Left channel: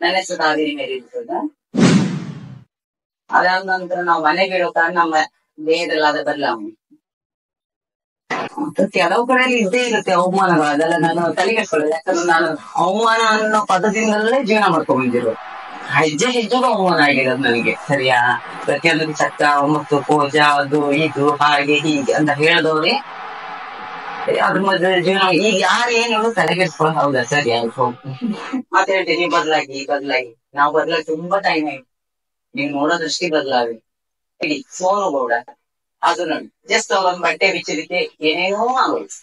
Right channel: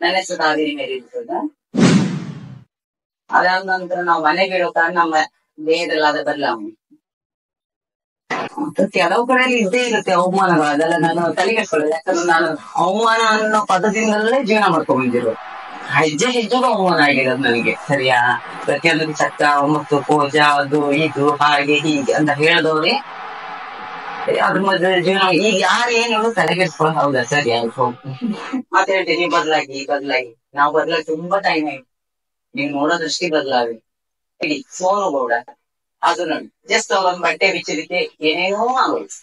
ನನ್ನ ಹೆಸರು ಕಾವೇರಿ ಮೇಲೆ ಇರ್ತದ. ಅದಾದ ನಂತರ ನಾವು ಮನೆಗೆ ಇಡೋ ಕಾರಣ ನಮ್ಮ ದೇಹದಲ್ಲಾದ ಬದಲಾವಣೆ ಕೆಲವು ಕಡೆಯಲ್ಲಿ ಇದ್ದೇ ಇರುತ್ತೆ ಅವಮಾನಗಳು. ಅದೆಲ್ಲ ನಾನು ತಲೆಗೆಡ್ಕೊಳ್ಳೋದು. ಯಾಕಂದ್ರೆ ನಾನು ಅವಮಾನ ಅನ್ನೋ ಪದದಿಂದಲೇ ಜೀವನ ಮಾಡ್ಕೊಂಡ್ ಬಂದಿರೋದು. ಹೆಜ್ಜೆ ಹೆಜ್ಜೆಗೂ ಅವಮಾನ ಆಗಿರೋದು ನನಗೆ. ಸರಿಯಾ? ಪ್ರತಿಯೊಂದು ಚಕ್ಕ ಮತ್ತು ಪೂಜ ಅದು ಇದು ಹಾಗೆ ಹೀಗೆ ಅಂತ ಹೇಳಿದವ್ರೆ ಅದ್ರ ಮಧ್ಯೆ ಜೀವನ. ಈಗ ಯಾರು ಏನ್ ಹೇಳೋದು ತಲೆಗೆಡ್ಸ್ಕೊಳ್ಳೋ. ಹೌದಾ, ಸರಿ ಆಯ್ತು ಮತ್ತೆ ಹೇಳ್ತೀನಿ, ನೀವು ಬದಲಾಗಿ ನಾವು ಬದಲಾಗಿ ತುಂಬಾ ಟೈಮ್ ಆಯ್ತು. ನೀವು ನೋಡೋದೃಷ್ಟಿ ಬದಲಾಗಿ ಇಡೀ ಸೋನು ಗೌಡ ಅದು ನೋಡಿ ಜಸ್ಟ್ ಒಂದ್ ಬಟ್ಟೆ ಬಿಚ್ಚಲಿಕ್ಕೆ ಏನೇನೋ ಆಗೋಯ್ತು.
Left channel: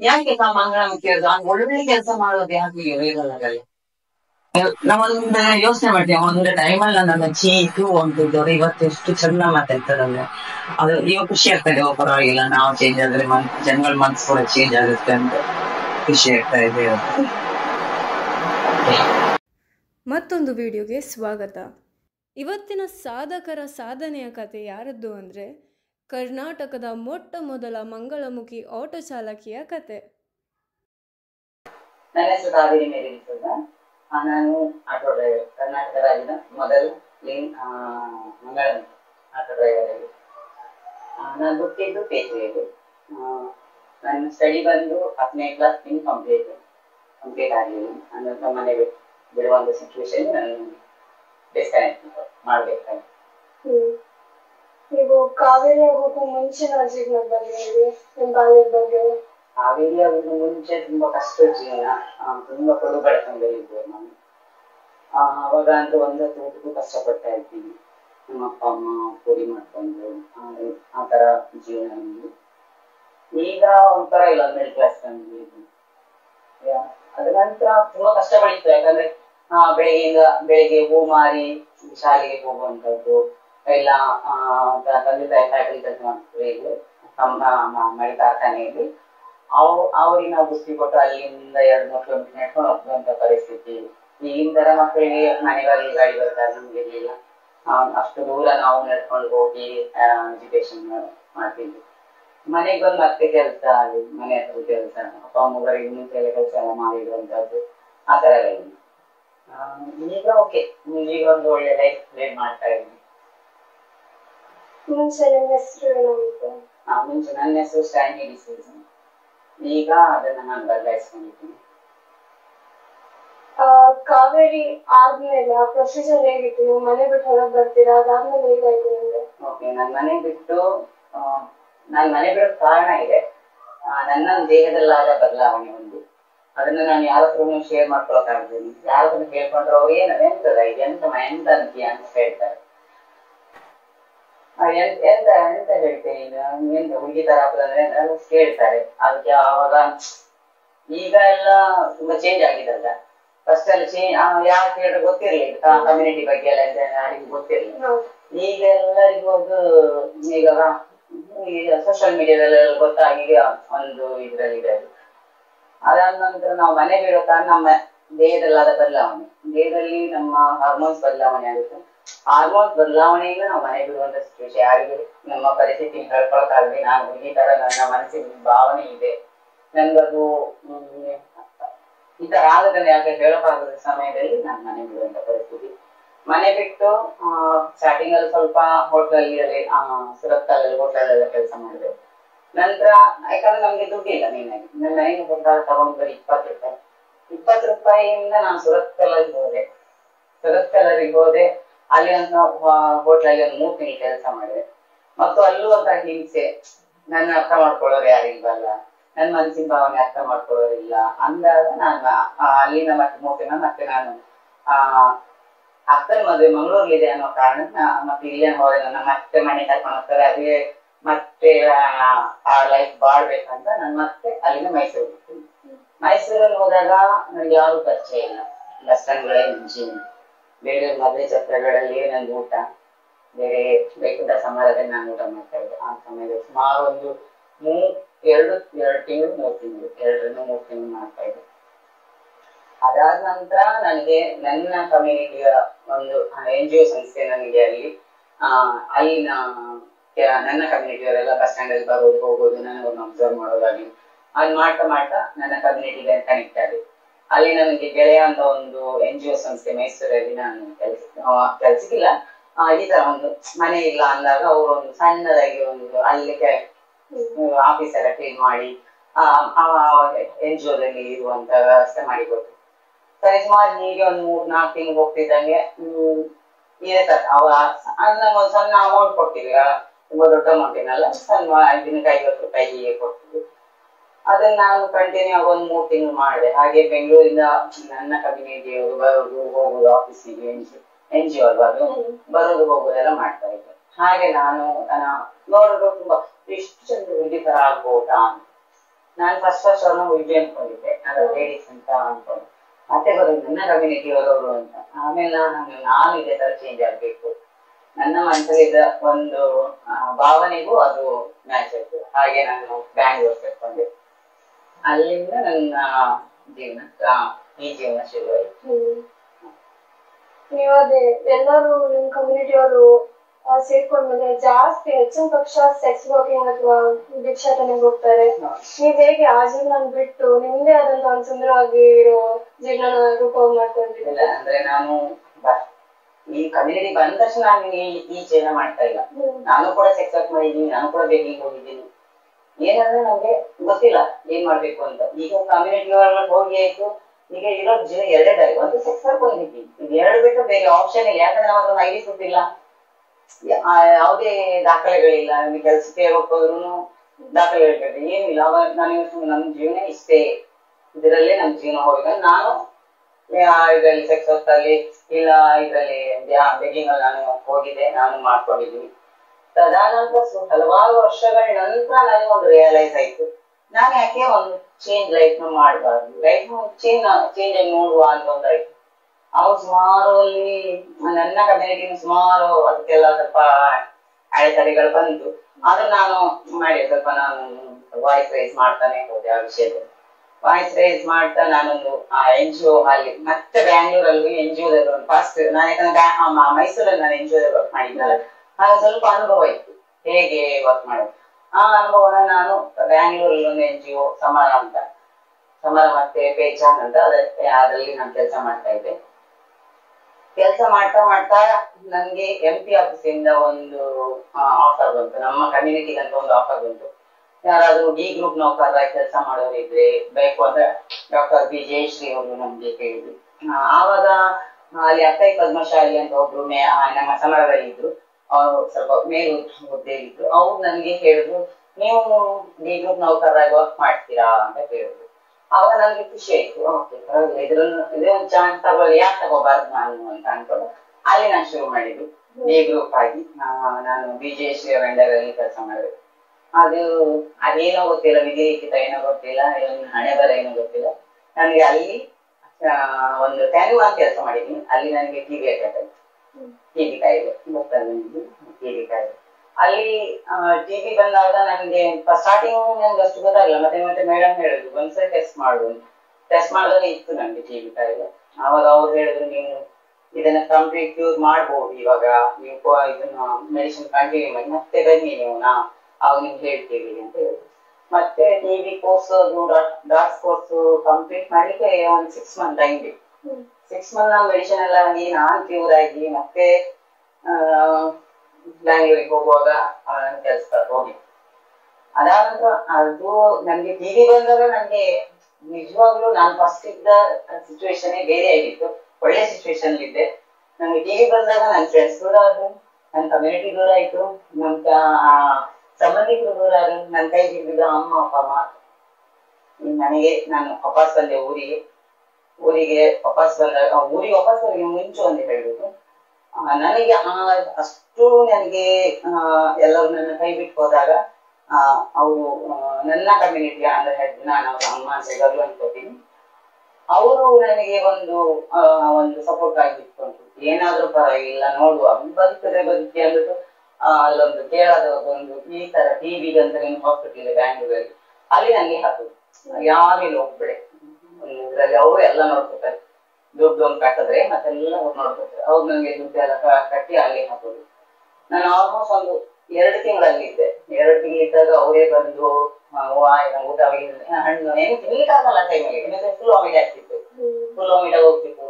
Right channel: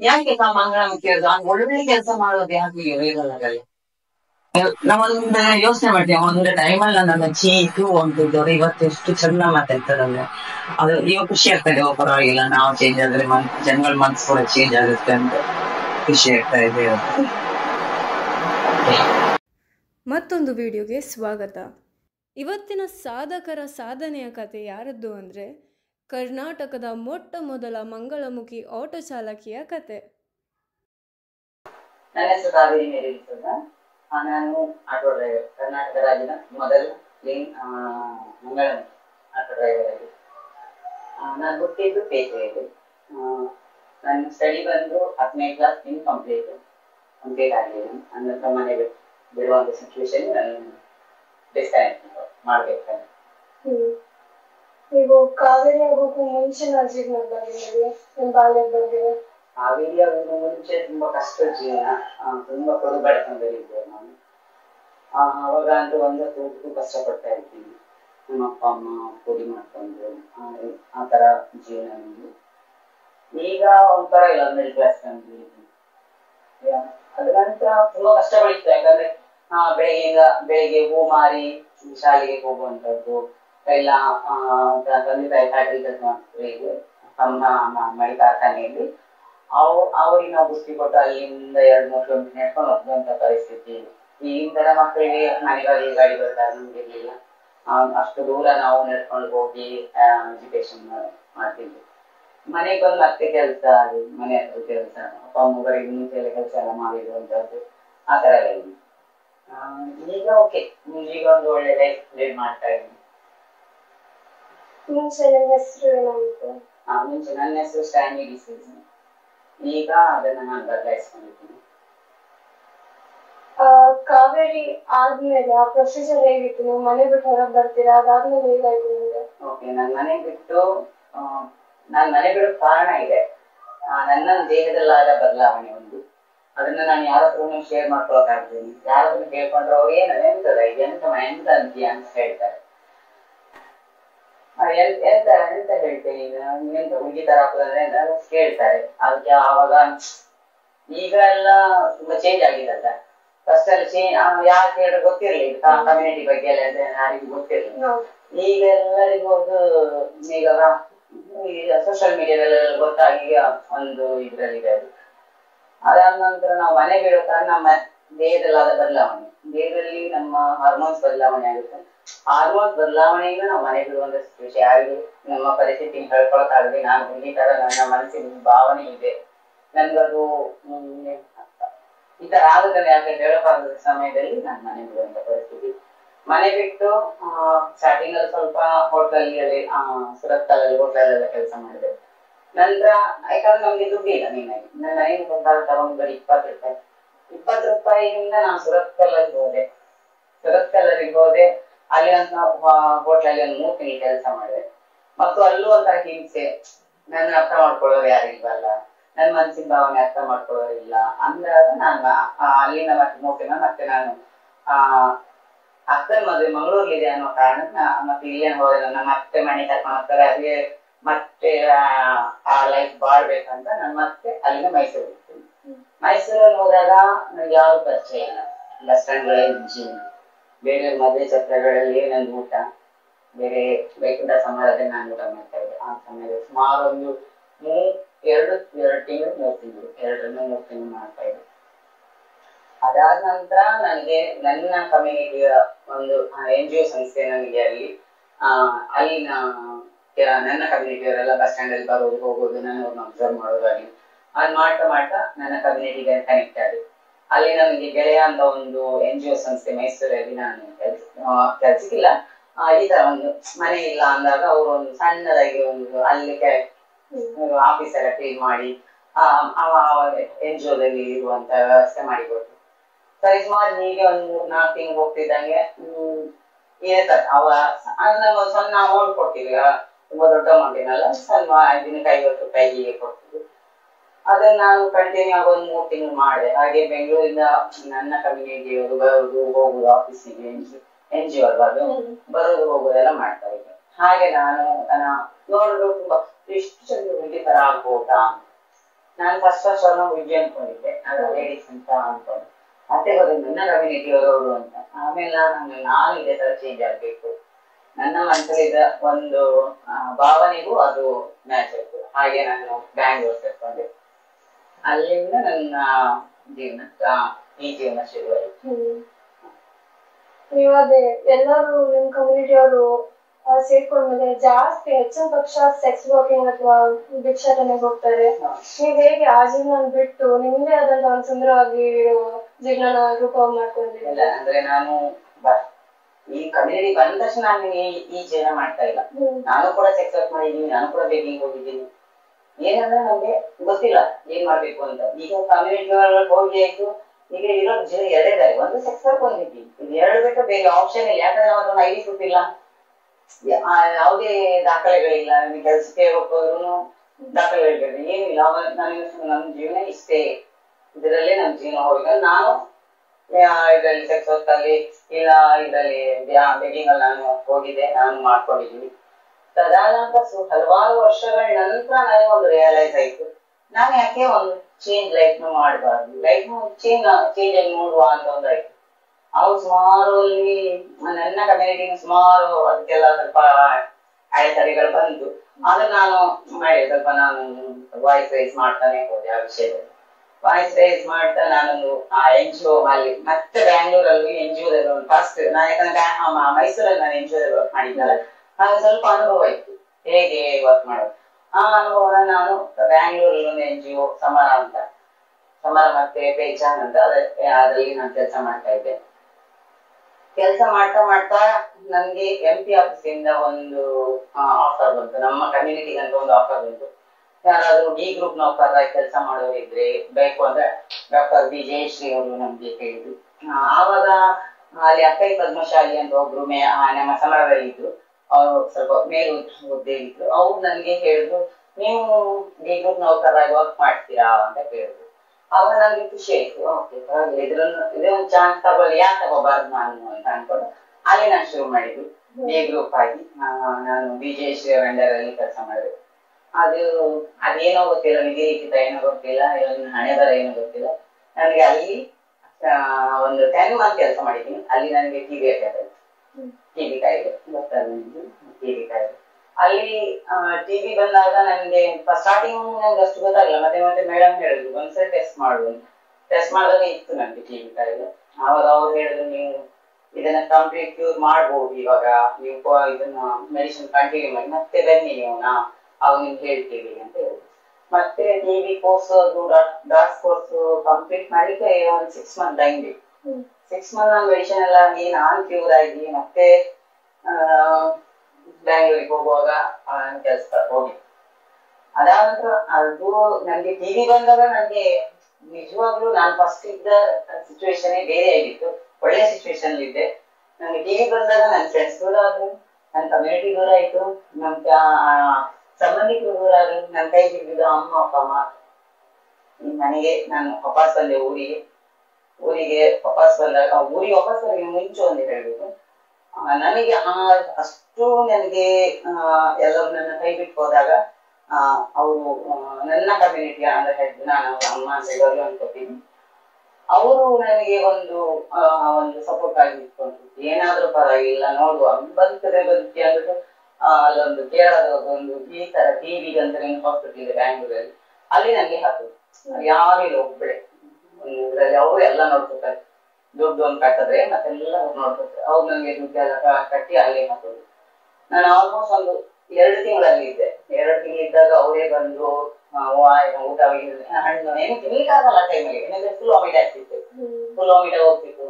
ಯಾಕೆ ಮಂಗಳಮುಖಿ ಅವ್ರದ್ದು ಒಳ್ಳೆ ಕೆಲಸ ಮಾಡೋದು ಯಾಕೆ ಇರಲ್ಲ? ನಾವೊಂದು ಯೋಚನೆ ಮಾಡ್ತೀವಿ, ಒಂದು ಟೈಮಲ್ಲಿ ನನ್ನ ಚೀಟು ಅಂತಿದ್ದವ್ರು ಇವತ್ತು ಎಷ್ಟು ಚಂದ ಮಾತಾಡ್ತಾರಂದ್ರೆ ಅದು ಇವಾಗ ಖುಷಿ ಆಗ್ತದೆ. ಪರವಾಗಿಲ್ಲ, ನಾವು ಚೇಂಜ್ ಆದ್ರೆ ಜನಗಳ ಮನಸ್ಸು ಕೂಡ ಚೇಂಜ್ ಆಗುತ್ತೆ ಅಂತ ಖುಷಿ ಆಗ್ತಾ ಇದೆ. ಮತ್ತೊಂದು ವಿಡಿಯೋಗೆ ಸ್ವಾಗತ. ಇವತ್ತಿನ ಸಾಧಕರ ಸಾಧನೆಯ ಕತೆ ಯಾರದ್ದು ಅಂದರೆ ಕರ್ನಾಟಕದ ಮೊಟ್ಟ ಮೊದಲ ಮಂಗಳಮುಖಿ ಆಟೋ ಚಾಲಕಿಯ ಕತೆ. ನನ್ನ ಹೆಸರು ಕಾವೇರಿ ಮೇಲೆ ಇರ್ತದ. ನಾನು ಆಟೋ ಡ್ರೈವರ್. ಕರ್ನಾಟಕ ರಾಜ್ಯದ ಮೊದಲ ಮಂಗಳಮುಖಿ ಆಟೋ ಡ್ರೈವರ್ ಆಗಿ. ನಾನು ಹುಟ್ಟಿದ್ದು ಪೇಟೆಯಲ್ಲಿ. ನನ್ನ ಸ್ಟಡಿ ಬಂದು 10ನೇ ಕ್ಲಾಸ್ ಕಂಪ್ಲೀಟ್ ಆಗಲಿಲ್ಲ. ನನ್ನ ಮನೆ ಬಿಡುವಂತ ಸಿಚುವೇಶನ್ ನಾನು ಡಿಸ್ಕನೆಕ್ಟ್ ಮಾಡ್ಬೇಕಾಗಿ. ನೀವು ಕಾವೇರಿ ಆಗೋಕ್ಕೂ ಮುಂಚಿನ ಜೀವನದ ಬಗ್ಗೆ ಹೇಳಿ, ನಿಮ್ಮ ಬಾಲ್ಯದ ಬಗ್ಗೆ. ಕಾವೇರಿ ಆಗೋದು ಮುಂಚೆ ತುಂಬಾ ಕಷ್ಟ ಜೀವನ, ತುಂಬಾ ಕೊಡುಬಡತನದಲ್ಲಿದ್ದೆ ನಾನು. ಅವಾಗ ಅಂತೂ ಒಂದೊತ್ತು ಊಟಕ್ಕೂ ಕಷ್ಟಪಡ್ತಾ ಇರ್ತೀನಿ. ನಮ್ಮ ಅಪ್ಪ ಅಮ್ಮ ಕೂಲಿ ಮಾಡ್ಕೊಂಡು ಆ ತರ ಜೀವನ ನಮ್ದು. ಈಗ ಒಂಥರ ಇಲ್ಲ, ಮಿಡಲ್ ಕ್ಲಾಸ್ ಫ್ಯಾಮಿಲಿ. ಅದ ನಂತರ ತುಂಬಾ ಕಷ್ಟಗಳಿತ್ತು. ಯಾಕಂದ್ರೆ ಬೆಳಿಗ್ಗೆ ಹೂ ಮಾರಿ ಶಾಲೆಗೆ ಹೋಗುವಂತದ್ದು ಎಲ್ಲ. ತಂದೆ ತಾಯಿ ಫ್ಯಾಕ್ಟರಿ ಕೆಲಸ ಮಾಡ್ತಾರೆ. ಈಗ ತಮ್ಮ ಮಡಿ ಕಾರ್ಖಾನೆಯಲ್ಲಿ ಅವ್ರಿಗೆ ನಾವು ಬುತ್ತಿ ಕೊಟ್ಟು ಅಲ್ಲಿಂದ 2-3 ಕಿಲೋಮೀಟರ್ ನೆಟ್ಕೊಂಡು ಹೋಗುವಂತ ಪರಿಸ್ಥಿತಿ. ಈಗಿನ ತರ ಮಕ್ಕಳಿಗೆ ಮನೆಗಾಗಿ ಗಾಡಿ ಬರ್ತಾರೆ, ನಮ್ಗೆ ಇರ್ಲಿಲ್ಲ. ಅಷ್ಟು ದೂರ ನಾವು ನಡ್ಕೊಂಡು ಹೋಗಿ ಎಜುಕೇಶನ್ ಮಾಡ್ತಿದ್ವಿ. ಮನೆಗೆ ಬಂದು ಮತ್ತೆ ಕೆಲಸ, ಮನೆ ಹತ್ರ ಕೆಲಸ, ಅಪ್ಪ ಅಮ್ಮವರಿಗೆ ಮುಂಚೆ ಎಲ್ಲ ಕೆಲಸ ಎಲ್ಲ ಮಾಡಿರುವಂತದ್ದು ಆ ತರ ಎಲ್ಲ ಇದೆ. ಈಗ ಓಕೆ, ಈಗ ಒಂದು ಒಳ್ಳೆ ಲೈಫ್ ಲೀಡ್ ಮಾಡ್ತಾ ಇದ್ದೀನಿ. ಮುಂಚೆ ನಿಮ್ಮ ಹೆಸರು ಏನಾಗುತ್ತೆ? ಮುಂಚೆ ನನ್ನ ಹೆಸರು ಸ್ಟ್ಯಾನಿ ಡಿಸೀಸ್. ಈಗ ಅದನ್ನ ನಾನು ಬದಲಾಯಿಸ್ಕೊಂಡಿದ್ದೀನಿ. ಕಾವೇರಿ ಆದ್ಮೇಲೆ ಆ ಪ್ರೊಸೀಜರ್ ಹೇಗಿತ್ತು? ನೀವು ಮನೆ ಬಿಟ್ಟು ಹೊರಗೆ ಬರ್ತೀರಾ, ಅದಾದ್ಮೇಲೆ ಹೇಗಾಯ್ತು ನಿಮ್ಗೆ? ಓಕೆ, ನಾನು ಮನೆ ಬಿಡೋಕ್ ಕಾರಣ ಇದೆ. ನನ್ನ ದೇಹದಲ್ಲಾದ ಬದಲಾವಣೆ ಒಂದು. ಅದನ್ನ ನಾನು ಯಾರ ಹತ್ರನು ಶೇರ್ ಮಾಡ್ಕೊಳಕ್ ಆಗ್ತೀನಿ. ಯಾರ ಹತ್ರ ಕೇಳ್ಕೊಂಡ್ರೆ ಅವ್ರು ಎಂತದ ಇದು, ಎಂತ ಅಂತೀಯ ಅಂತ ಹೇಳ್ತಾರೆ. ಎಂತ ಹೇಳ್ತೇನೆ, ಎಂತ ಹುಡುಗಿ ತರ ಹಾಕುದಂದ್ರೆ ಕೇಳ್ತಾರೆ. ಅದಕ್ಕೆ ಆವಾಗ ಈಗ ಎಲ್ಲ ತುಂಬಾ ಚೇಂಜ್ ಆಗಿದಲ್ಲ. ಫಸ್ಟ್ ಅಲ್ಲಿ ಯಾರು ಕೇಳಿದ್ರೆ ಗೊತ್ತಿರ್ಲಿಲ್ಲ, ಕಮ್ಯುನಿಟಿ ಬಗ್ಗೆ ಎಲ್ಲ ಯಾರಿಗೂ ಗೊತ್ತಿರ್ಲಿಲ್ಲ. ಈಗ ಎಲ್ಲರಿಗೂ ಈಗ ಸೋಷಿಯಲ್ ಮೀಡಿಯಾದಲ್ಲಿ ಗೊತ್ತಾಗಿ ಒಂದು ಇದ್ರಲ್ಲಿದೆ. ಅದಾದ ನಂತರ ನಾವು ಮನೆಗೆ ಇಡೋ ಕಾರಣ ನಮ್ಮ ದೇಹದಲ್ಲಾದ ಬದಲಾವಣೆ, ದೇಹದಲ್ಲಿ ನಮ್ಮ ಹಾರ್ಮೋನ್ಸ್ ಬದಲಾವಣೆ ಆಗುತ್ತೆ. ಹಾರ್ಮೋನ್ಸ್ ಬದಲಾವಣೆಯಿಂದ ನಾವು ಮನೆ ಬಿಡುವಂತ ಸಿಚುವೇಶನ್. ಯಾರಿಗೂ ನಮ್ಮ ಪರಿಸ್ಥಿತಿ ಹೇಳ್ಕೊಳಕ್ಕಾಗದೆ ನಾನು ಈ ತರ ನನ್ನ ಮನಸ್ಸಿನ ಭಾವನೆ ಇದೆ, ನನ್ಗದು ಈ ತರ ಆಗದನ್ನ ಯಾಕೆ ಹೇಳಕ್ಕಾಗದ ಸಮಯದಲ್ಲಿ ನಾನು ಮನೆ ಬಿಡುವಂತ ಪರಿಸ್ಥಿತಿ. ಮನೆ ಬಿಟ್ಟು ಸ್ಟಾರ್ಟಿಂಗ್ ಅಲ್ಲಿ ಸ್ವಲ್ಪ ಹೋಟ್ಲಲ್ಲಿ ಸುರತ್ಕಲ್ಲಲ್ಲಿ ಹೋಟ್ಲಲ್ಲೆಲ್ಲ ಕೆಲಸ ಮಾಡಿದೆ. ನಂತರ ಯಾಕಂದ್ರೆ ನಮ್ಗೆ ದುಡ್ಡಿಲ್ಲ, ನೀನಾಗಿ ನನ್ನ ಮನೆಗೆ ತಗೊಂಡು ಬರೀ 20 ರೂಪಾಯಿಯಿಂದ ನಾನು ಸುರತ್ಕಲ್ಲರಿಗೆ ಹೋದೆ. ಅಲ್ಲಿ ಒಂದು ಹೋಟ್ಲಲ್ಲಿ ಒಂದು 3 ತಿಂಗಳು ಕೆಲಸ ಮಾಡಿದೆ. ಮತ್ತು ಅಲ್ಲೂ ಅಂತ ಹಿಂಸೆ, ನನ್ನ ಅರ್ಥ ಮಾಡ್ಕೊಳ್ಳೋರು ಯಾರಿಲ್ವಲ್ಲ, ನನ್ನ ಮನಸ್ಸಿನ ಭಾವನೆ ಅರ್ಥ ಮಾಡ್ಕೊಳ್ಳೋರಿಲ್ಲ ಅಂದಾಗ ನಾನು ಅಲ್ಲಿಂದ ಮತ್ತೆ 3 ತಿಂಗಳು ಮತ್ತೆ ನಾನು ಅಕ್ಕನ ಮದುವೆ ಮಂಗಳೂರ್ಲಿದೆ ಅನ್ನೋ ಕಾರಣಕ್ಕೆ ಮತ್ತೆ ಇಲ್ಲೇ ಹೋದೆ. ನನ್ನ ಮತ್ತೆ ಮನೆ ಕರ್ಕೊಂಡು ಹೋಗ್ತಾರೆ, ಅದೇ ಮತ್ತೆ ಆ ಲೈಫ್ ಬಾಳ್ಬೇಕಂತ ನಾನು ಮತ್ತೆ ಅಲ್ಲಿಂದ ಮೈಸೂರಿಗೆ ಹೋಗ್ತೀನಿ. ಮೈಸೂರಲ್ಲಿ ಹೋದಾಗ ನನಗೆ ಯಾರು ಪರಿಚಯ ಇಲ್ಲ. ಬಸ್ ಸ್ಟ್ಯಾಂಡ್ಗಳೇ ಜೀವನ, ಬೇರೆ ಮದುವೆ ಛತ್ರಗಳಲ್ಲಿ ನಂದು ಊಟ, ಬೇರೆ ವೈಕುಂಠ ಸಮಾರಾಧನೆ ನಾನು ಊಟ ಮಾಡ್ತಾ ಇದ್ದೆ. ಆ ಸಮಯದಲ್ಲಿ ಸುಮಾರು ಒಂದು 2 ತಿಂಗಳು 3 ತಿಂಗಳು ಮಾಡ್ತಾ ಇದ್ದೆ. ಅದಾದ ನಂತರ ನನಗೆ ನನ್ನ ಕಮ್ಯುನಿಟಿಯ ಒಂದು NGO ಸಂಸ್ಥೆ ನನಗೆ ಅಲ್ಲಿನ ನನ್ನ ಕಮ್ಯುನಿಟಿಯವರೆಲ್ಲ ಬಸ್ ಸ್ಟ್ಯಾಂಡ್ ಅಲ್ಲಿ ಬರೋದು ಹೋಗೋದು, ನಾನು ಅಬ್ಸರ್ವ್ ಮಾಡೋದಾಗಿ ಅದು ಮಾಡ್ತಾ ನನ್ನ ಕಮ್ಯುನಿಟಿಗೆ ಕನೆಕ್ಟ್ ಆಗಿದೆ. ಅಲ್ಲಿ ನನಗೆ ಗೆಳೆಯ ಅಂತ ಒಂದು NGO ಸಂಸ್ಥೆ ಮೈಸೂರಲ್ಲಿ ನಾನು ಕೆಲ್ಸಕ್ಕಿಲ್ಲ, ಈ ತರ ಒಂದು ಮನೆ ಇಲ್ಲ ಅಂದಾಗ ಅವರು ಒಂದು ಸಣ್ಣದಾಗಿ ಒಂದು ಅಲ್ಲಿ ಆಫೀಸ್ ಎಲ್ಲ ಕ್ಲೀನ್ ಮಾಡಿ NGOದಲ್ಲಿ ಇರುವಂತ ವ್ಯವಸ್ಥೆ ಮಾಡಿಕೊಟ್ರು. ಸರಿ, ಸುಮಾರು ಹೀಗೆ ಒಂದು 3-4 ತಿಂಗಳು ಹೋಗ್ತಿದ್ದಂಗೆ ಇದೇ ತರ ಒಂದು ಸಣ್ಣ ಅಮೌಂಟ್ ಕೊಡ್ತೀವಿ, ತುಂಬಾ ದೊಡ್ಡ ಅಮೌಂಟ್ ಏನಲ್ಲ, ಸಣ್ಣ 5 ದಿನಕ್ಕೆ 50 ರೂಪಾಯಿ ಕೊಡ್ತೀವಿ. ಅದನ್ನ ನಾನು ಕಂಟಿನ್ಯೂ ಆಗಿ ಒಂದು 3 ತಿಂಗಳು ಮಾಡಿದೆ. ಹಾಗೆ ಬೆಂಗಳೂರಿಂದ ನನ್ನ ಕಮ್ಯುನಿಟಿಯವರು ಬರೋದು ಹೋಗುದು, ಆಫೀಸಿಗೆ NGO ಅಲ್ವಾ ಅದು, ಬರೋದು ಹೋಗೋದೆಲ್ಲ ಮಾಡ್ತಾ ಇದ್ದೆ. ಹಾಗೆ ನಾನು ನೋಡೋದು ತುಂಬಾ ಎಷ್ಟು ಚಂದ ಹುಡುಗಿ ತರ ಆಗ್ಬೋದಾ. ನಾನು ಫಸ್ಟ್ ಅವ್ರನ್ನ ಹುಡುಗಿ ಅನ್ಕೊಂಡಿದ್ದೆ, ಲೇಡೀಸ್ ಅಂತ ಅನ್ಕೊಂಡು. ಮತ್ತೆ ಗೊತ್ತಾಯ್ತು ನನ್ನ ಕಮ್ಯುನಿಟಿಯವರು ಅಂತ. ಆಮೇಲೆ ನಾನು ಇದೇ ತರ ಚೇಂಜ್ ಆಗ್ಬೇಕು, ನನ್ನ ಮನಸ್ಸಲ್ಲಿದ್ದ ಒಂದು ಭಾವನೆಗೂ ಅದು ಮ್ಯಾಚ್ ಆಯ್ತು. ಹಾಗೆ ನಾನು ಬ್ಯಾಂಗ್ಳೂರ್ ಸೇರ್ಕೊಂಡೆ. ಅಲ್ಲಿಂದ ನನ್ನ ಈ ಜೀವನ ಶುರುವಾಯಿತು. ಇವಾಗ ಎಲ್ಲರೂ ನಿಮ್ ಕಮ್ಯುನಿಟಿಯವರು ಸೇರ್ಕೊಂಡ್ಮೇಲೆ ಜಾಸ್ತಿ ಹೆಚ್ಚಿನ ಪಕ್ಷ ಸೆಕ್ಸ್ ವರ್ಕಿಂಗ್ ಅಥವಾ ಭಿಕ್ಷಾಟನೆಗೆ ಹೋಗ್ತಾರೆ. ನೀವ್ ಹೇಗೆ ಆ ಜೀವನ ಬಿಟ್ಟು ನಿಮ್ದೇ ಆದಂತ ಒಂದು ಸುಂದರವಾಗಿ ಜೀವನ ರೂಪ ಮಾಡ್ಕೊಂಡಿಲ್ಲ? ಅಂದ್ರೆ ನಾನು ಈ ಕಮ್ಯುನಿಟಿ ಬಂದ ತಕ್ಷಣ ನಾನು ಈ ಜೀವನ ಮಾಡ್ತಾ ಇಲ್ಲ. ನಾನು ಕೂಡ ಸೆಕ್ಸ್ ವರ್ಕ್ ಮಾಡಿದ್ದೀನಿ, ನಾನು ಕೂಡ ಬೇಕಿಂಗ್ ಹೋಗಿದ್ದೀನಿ. ಏನಂದ್ರೆ ನಮ್ಗೆ ಗೊತ್ತಿಲ್ಲ ಏನ್ ಮಾಡ್ಬೇಕು ಅಂತ. ಈಗ ಕಮ್ಯುನಿಟಿ ಒಳಗಡೆ ಹೋಗಿ ಆಯ್ತು, ಈಗ ಇರೋ ಜೀವನ 2 ದಾರಿ, ಒಂದು ಸೆಕ್ಸ್ ವರ್ಕ್, ಒಂದು ಬಿಟ್ಟು ಇದು 2 ಬಿಟ್ಟು ಬೇರೆ ಆಪ್ಷನ್ ಇಲ್ಲ. ಯಾಕಂದ್ರೆ ನಾವು ಅದ್ರ ID ಕೊಟ್ಟಿಲ್ಲ, ಯಾವುದೇ ದಾಖಲೆಗಳಿಲ್ಲ. ನಿಮ್ಗೆ ಕೆಲ್ಸಕ್ಕೆ ಹೋಗೋದ್ರು ದಾಖಲೆಗಳಿಲ್ಲ, ಏನಿಲ್ಲ. ಅವಾಗ ನಾನು ನಮ್ ಜೀವನ ಇಷ್ಟೇ, ಇದರಲ್ಲೇ ನಮ್ ಜೀವನ ಹೋಗಿ ನಾನು ಇದ್ರಲ್ಲಿ ಸೆಕ್ಸ್ ವರ್ಕ್ ಅಲ್ಲಿ ಇಲ್ಲ ಇದ್ರಲ್ಲಿ ಬೆಗ್ಗಿಂಗ್ ಅಲ್ಲಿ ನಾನು ಹೋಗಿದ್ದೆ, ನಾನು ಮಾಡ್ಕೊಂಡಿದ್ದೀನಿ. ತದಾನಂತರ ಹಲವಾರು ವರ್ಷಗಳ ನಂತರ ನನಗೊಂದು ರಿಯಲೈಸ್ ಆಯ್ತು, ನಾನು ಯಾಕೆ ಒಂದು ಚೇಂಜ್ ಲೈಫ್ ಮಾಡಬಾರ್ದು, ಲೈಫ್ ಚೇಂಜ್ ಆಗಿ ನೋಡುವ ಅಂತ ಒಂದಾಯ್ತು. ಅವ್ರು ಸುಮಾರು ಅಲ್ಲಿ ನನ್ನ ಕಮ್ಯುನಿಟಿನ ಸುಮಾರು ಅದಕ್ಕೆಲ್ಲ ಸ್ವಲ್ಪ ಅಡೆತಡೆಗಳು ಬಂತು. ಆದ್ರೆ ನಾನು ಮಾಡಿ ಸ್ವಲ್ಪ ನಾನು ವಾಯ್ಸ್ ರೈಸ್ ಮಾಡ್ತಾನೆ ಹೋದೆ. ಆ ವಿಷಯದಲ್ಲಿ ವಾಯ್ಸ್ ರೈಸ್ ಮಾಡ್ತಾ ನಾನೊಂದು NGO ಅಲ್ಲಿ ಮತ್ತೆ ಬ್ಯಾಂಗ್ಳೂರಲ್ಲಿ NGOದಲ್ಲಿ ಒಂದು ಫಸ್ಟ್ ನಾನು ಯಾಕಂದ್ರೆ ಮೈಸೂರಲ್ಲಿ ನಾನು NGOದಲ್ಲಿ ವರ್ಕ್ ಮಾಡಿದ್ನಲ್ಲ, ಹಾಗೆ ಸ್ವಲ್ಪ ಅನುಭವ ಇತ್ತು ಹೇಗೆ ವರ್ಕ್ ಮಾಡೋದು. ಆ ಅನುಭವನ ನಾನು ಬ್ಯಾಂಗ್ಳೂರಲ್ಲಿ ಒಂದು NGO ಸಮರ ಮತ್ತೆ ಪೇಚಾನ್ ಅಂತ ಅದರಲ್ಲಿ ನಾನು ಕೆಲಸ ಮಾಡ್ತಾ ಇದ್ದೆ. ಕೆಲಸ ಮಾಡ್ತಾ ನನ್ಗೆ MP ಆಫೀಸ್ ಇಂದ ಒಂದು ಆಫರ್ ಬಂತು, ನಮ್ಮ ಕಮ್ಯುನಿಟಿಗಂತ ಒಂದು ಆಫರ್ ಬಂತು. ಯಾರಾದ್ರೂ D ಗ್ರೂಪ್ ನೌಕರರಾಗಿ ಕೆಲಸ ಮಾಡೋರು ಇದ್ರೆ ಬೇಕು ಅಂದ್ರೆ ಡಾಕ್ಟರ್ B ಜಯಶ್ರೀ ಅವರು ನಮ್ಗೆ ಹೇಳಿದ್ರು. ಆವಾಗ ಅಲ್ಲಿ ಅಕ್ಕೈ ಪದ್ಮಶಾಲಿ ಅಂತ ಒಬ್ರು ನಮ್ಮ ಸಮರದಲ್ಲಿ ಇದ್ರು, ಅವರು ಸ್ವಲ್ಪ ಮೇಲು ಹುದ್ದೆಯಲ್ಲಿದ್ರು. ಅವ್ರು ನನ್ಗೆ ಹೇಳಿದ್ರು, ನೀವು D ಗ್ರೂಪ್ ನೌಕರರಾಗಿ ವರ್ಕ್ ಮಾಡ್ತೀರಾ ಅಂತ ಕೇಳಿದ್ರು. ಆವಾಗ ನನ್ಗೆ ಖುಷಿ ಆಯ್ತು, ಓಕೆ ಪರವಾಗಿಲ್ಲ, ಇದೇ ಒಂದು ಚಾನ್ಸ್ ತಗೊಳ್ಳಿ, ಯಾಕೆ ತಗೋಬಾರ್ದು ನಾನು ಅಂತ ಅನ್ಕೊಂಡು ಅಲ್ಲಿ ನಾನು ಶುರು ಮಾಡಿದ್ದು D ಗ್ರೂಪ್ ಆಗಿ. ನಾನು B ಜಯಶ್ರೀ ಅವರ ಅಂಡರ್ ಅಲ್ಲಿ ಕೆಲಸ ಮಾಡಿದೆ. ಅದೇನೋ ಗೊತ್ತಿಲ್ಲ, ನಿಗದಿತ ಏನೋ ಗೊತ್ತಿಲ್ಲ, ಹಣೆ ಬರ ಏನೋ ಗೊತ್ತಿಲ್ಲ. ನನಗೆ ಅಲ್ಲಿ ಒಂದು 10 ಮಂತ್ ಕೆಲಸ ಮಾಡಿದ್ದೀನಿ. ಅಲ್ಲಿ ನನಗೆ TB ಅಟ್ಯಾಕ್ ಆಯ್ತು, TB ಕಾಯಿಲೆ ಗೊತ್ತಲ್ಲ, TB ಕಾಯಿಲೆ. ಅಲ್ಲಿ TB ಬಂದಾಗ ನನಗೆ ಸ್ಟಾರ್ಟಿಂಗ್ ನನ್ಗೆ ಅಷ್ಟು ಗೊತ್ತಾಗಲ್ಲ. ಮತ್ತೆ ಮೇಡಮ್ ಹೇಳಿದ್ರು ಒಂದ್ಸರಿ ಟೆಸ್ಟ್ ಮಾಡಿದಾಗ ಇತ್ತು ನನಗೆ TB ಕಾಯಿಲೆ. ಆವಾಗ ಅವ್ರು ಹೇಳಿದ್ರು, ನೀವು ಇದನ್ನ ಕಂಪ್ಲೀಟ್ ಕ್ಯೂರ್ ಮಾಡ್ಬೋದು, ಇವಾಗ ನೀವು ಇದನ್ನ ಮೆಡಿಸಿನ್ ಕಂಟಿನ್ಯೂ ಮಾಡಿ ಮತ್ತೆ ಬನ್ನಿ ನೀವು, ಅವಾಗ ನಿಮ್ಗೆ ಹೇಳ್ತೀವಿ ಅಂತ ಹೇಳಿದ್ರು. ಮತ್ತೆ TB course DOTS course complete ಮಾಡ್ಲಿಕ್ಕೆ ಒಂದು 6 ಮಂತ್ ಟೈಮ್ ಬೇಕು. 6 ಮಂತ್ ನಾವು ಮೆಡಿಸಿನ್ ಎಲ್ಲ ಆಗಿ ನಾನು ಕ್ಯೂರ್ ಆಗಿ ಮತ್ತೆ ಬ್ಯಾಂಗ್ಳೂರಿಗೆ ಹೋಗುವಾಗ ಕೆಲಸ ಹೋಗಿ. ಅದಾದ ನಂತರ ಅದು ನನ್ಗೆ TB ಬಂದಾಗ ನನ್ಗೆ ನಿಜವಾಗ್ಲೂ ನಾನು ಫಸ್ಟ್ ಇದ್ದ ಸಿಚುವೇಶನ್ ಬೇರೆ ಆಗಿತ್ತು, ಒಳ್ಳೆ ಸಿಚುವೇಶನ್ ಇದ್ದೆ. ನನ್ಗೆ TB ಬಂದಾಗ ನನ್ನ ಫ್ರೆಂಡ್ಸ್ ದೂರ ಆದ್ರು, ನನ್ನ ಕಮ್ಯುನಿಟಿ ದೂರ ಆಯ್ತು, ನಮ್ಮ ಸಂಬಂಧಿಕರು ದೂರ ಆದ್ರು, ನನ್ನ ಕೈ ಹಿಡಿದ ಅಮ್ಮ ಅಪ್ಪ ಮಾತ್ರ. ನನಗೆ ನಾನು ವಾಪಸ್ ಬಂದೆ ಊರಿಗೆ ವಾಪಸ್ ಬಂದಾಗ, ಊರಿಗೆ ವಾಪಸ್ ಬಂದಾಗ ಮುಂಚೆ ಒಂದು ಹೇಳ್ಬೇಕು, ನನಗೆ ಅಷ್ಟು ನನಗೆ ಎಲ್ಲರೂ ನನ್ನ ಕೈ ಬಿಟ್ಟು ಹೋದಾಗ ಅವರು ನನ್ನ ಕಮ್ಯುನಿಟಿಯ ಅಂದ್ರೆ ಹೆಡ್, ನಾನು ಅವ್ರ ಅಮ್ಮ ಅಂತ ಎಲ್ಲರೂ ಅನ್ಕೋತೀನಿ, ಅವರು ನನಗೆ ಒಂದು ಸಪೋರ್ಟ್ ಆಗಿ ಇಟ್ಕೊಂಡು ಏನಾದ್ರೂ ಪರವಾಗಿಲ್ಲ ನೋಡುವ, ಬದುಕಿದ್ರೆ ಬದುಕಿ ಅಂದ್ಬಿಟ್ಟು ಅಲ್ಲೊಂದು ಕೇರಳದ ಒಂದು ಈ ತರ TB ಅಂತ ಹಾಸ್ಪಿಟಲ್ ಇದೆ ಬ್ಯಾಂಗ್ಳೂರಲ್ಲಿ, ಅಲ್ಲಿ ನನಗೆ ಹಾಕೋದು. ಯಾರಿಲ್ಲ ಒಬ್ಬಳೆ ಇದ್ರಲ್ಲಿ, ಅವರು ಎಲ್ಲ ನೋಡ್ಕೊತಾರೆ. ದುಡ್ಡು ಒಂದು ಕಟ್ಟಿದ್ರೆ ಮತ್ತೆಲ್ಲ ಅವ್ರು ನೋಡ್ಕೊತಾರೆ. ಅವ್ರು ನನಗೆ ದುಡ್ಡೆಲ್ಲ ಕಟ್ಟಿ ಅಲ್ಲಿ ಹಾಕೋದು. ನಾನು ಆಲ್ಮೋಸ್ಟ್ ಒಂದು 2 ತಿಂಗಳಲ್ಲಿ ಇದ್ದೆ. 2 ತಿಂಗಳಿದ್ದಾಗ ಅವರೇ ಬಂದು ಊಟ ಹಣ್ಣು ಏನು ತಿನ್ಲಿಕ್ಕಾಗಲ್ಲ ಟೈಮಿಗೆ, ಫುಲ್ ವಾಮಿಟ್ ಆಗ್ತಿತ್ತು. ಕಿಲೋಮೀಟರ್ ಹೋಗ್ತಿತ್ತು.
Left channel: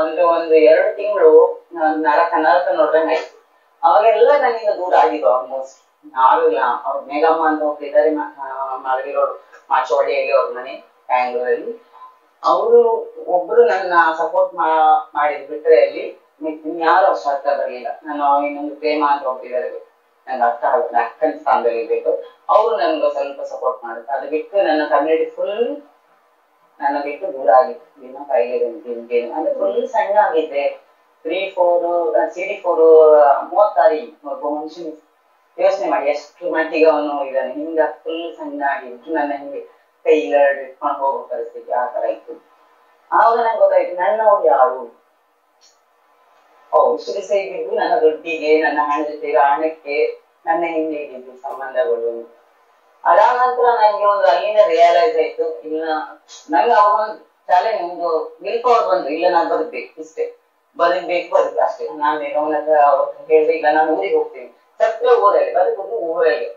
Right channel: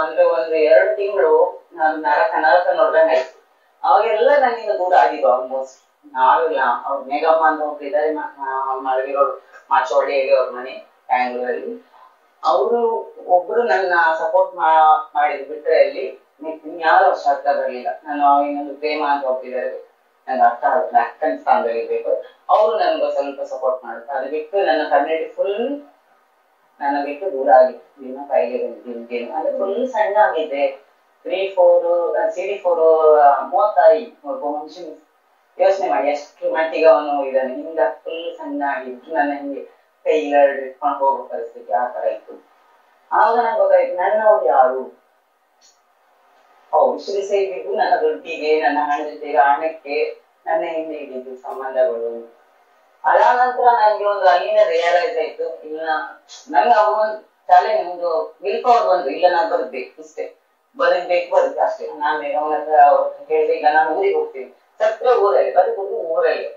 ಅಂದ್ರೆ ಒಂದು 2 ತಿಂಗಳು ನಾನು ನರಕ ನೋಡ್ದಂಗೆ ಆಯ್ತು. ಅವಾಗೆಲ್ಲ ನನ್ನಿಂದ ದೂರ ಆಗಿದ್ದು ಆಲ್ಮೋಸ್ಟ್. ನಾವಿಲ್ಲ ಅವ್ರು ಮೇಘಮ್ಮ ಅಂತ ಹೋಗ್ತಿದ್ದಾರೆ, ಮಳವಿರೋಡು ಮಾಚೋಡಿಯಲ್ಲಿ ಅವ್ರ ಮನೆ ಬ್ಯಾಂಗ್ಳೂರಲ್ಲಿ. ಅವರು ಒಬ್ರು ನನ್ನ ಸಪೋರ್ಟ್ ಮಾಡಿದ್ ಬಿಟ್ರೆ ಅಲ್ಲಿ ಯಾರು ಅಷ್ಟು ಅರ್ಥ ಬರ್ಲಿಲ್ಲ. ನಾನು ಇನ್ನೊಂದು ಪ್ರೇಮ ಅಂತ ಹೋಗ್ತಿದ್ದಾರೆ, ನಂಗೆ ಅರ್ಥ ಆಗಲ್ಲ, ಅಕ್ಕನ ಸ್ಥಾನದಲ್ಲಿ ಇರ್ಬೇಕು, ಅವರು ನನ್ಗೆ ಸ್ವಲ್ಪ ಸಪೋರ್ಟ್ ಮಾಡುತ್ತೆ. ಅದು ಬಿಟ್ಟು ನನ್ನ ಕಮ್ಯುನಿಟಿ ಫುಲ್ ನನ್ನ ಬಿಟ್ಟು ದೂರ ಆಗಿತ್ತು. ಇನ್ನ ಕಾಯಿಲೆ ಅಂದ್ರೆ ಫುಲ್ ಸಣ್ಣ ಆಗಿದ್ದೆ. 3-4 CD4 36 ಒಬ್ಬ ಮನುಷ್ಯನ ಯೋಚನೆ ಮಾಡಿ ಎಷ್ಟು ಮಟ್ಟಿಗೆ ಅವನು ಇದ್ದಾನೆ. ಹಿಂಗ ಫುಲ್ ಸಣ್ಣ ಆಗಿದ್ದು ನನ್ನ ಹಿಂಗೆ ಕೈಲ ಇಟ್ಕೊಂಡು ಹೋಗೋ ಪರಿಸ್ಥಿತಿ ಆ ತರ ಇತ್ತು. ಆವಾಗ ನಂಗೆ ಗೊತ್ತಾಯ್ತು ನನ್ನವ್ರು ಯಾರು. ಇಷ್ಟು ದಿವಸ ಇದ್ದಿದ್ದು ನನ್ನ ದುಡ್ಡಿಗೆ, ನನ್ನ ಹಣ ಜೊತೆ ಹಣಕ್ಕೆ ನನ್ನ ಹಿಂದೆ ಇದ್ದಿದ್ದು ಸಂಬಂಧಗಳು. ಅದಾದ ನಂತರ ನಂಗೆ ಒಂದು ಅಲ್ಲಿಂದ ರಿಯಲೈಸ್ ಆಯ್ತು, ಇಲ್ಲ ನಂಗೆ ಅವಾಗ ಒಂದು ಚಾಲೆಂಜ್, ಒಂದು ವಿಲ್ ಪವರ್ ಬಂತು, ಇಲ್ಲ ನಾನು ಬದುಕ್ಬೇಕು, ಇಷ್ಟೇ ಬದುಕ್ಬೇಕು ಅಷ್ಟೇ. ನಾನು ಅವನ ಹತ್ರ ಹೇಳಿದೆ, ಇಲ್ಲ ನಾನು ಊರಿಗೆ ಹೋಗ್ತೀನಿ, ಸತ್ರ ಊರಲ್ಲಿ ಬದುಕುದು ಊರಲ್ಲಿ.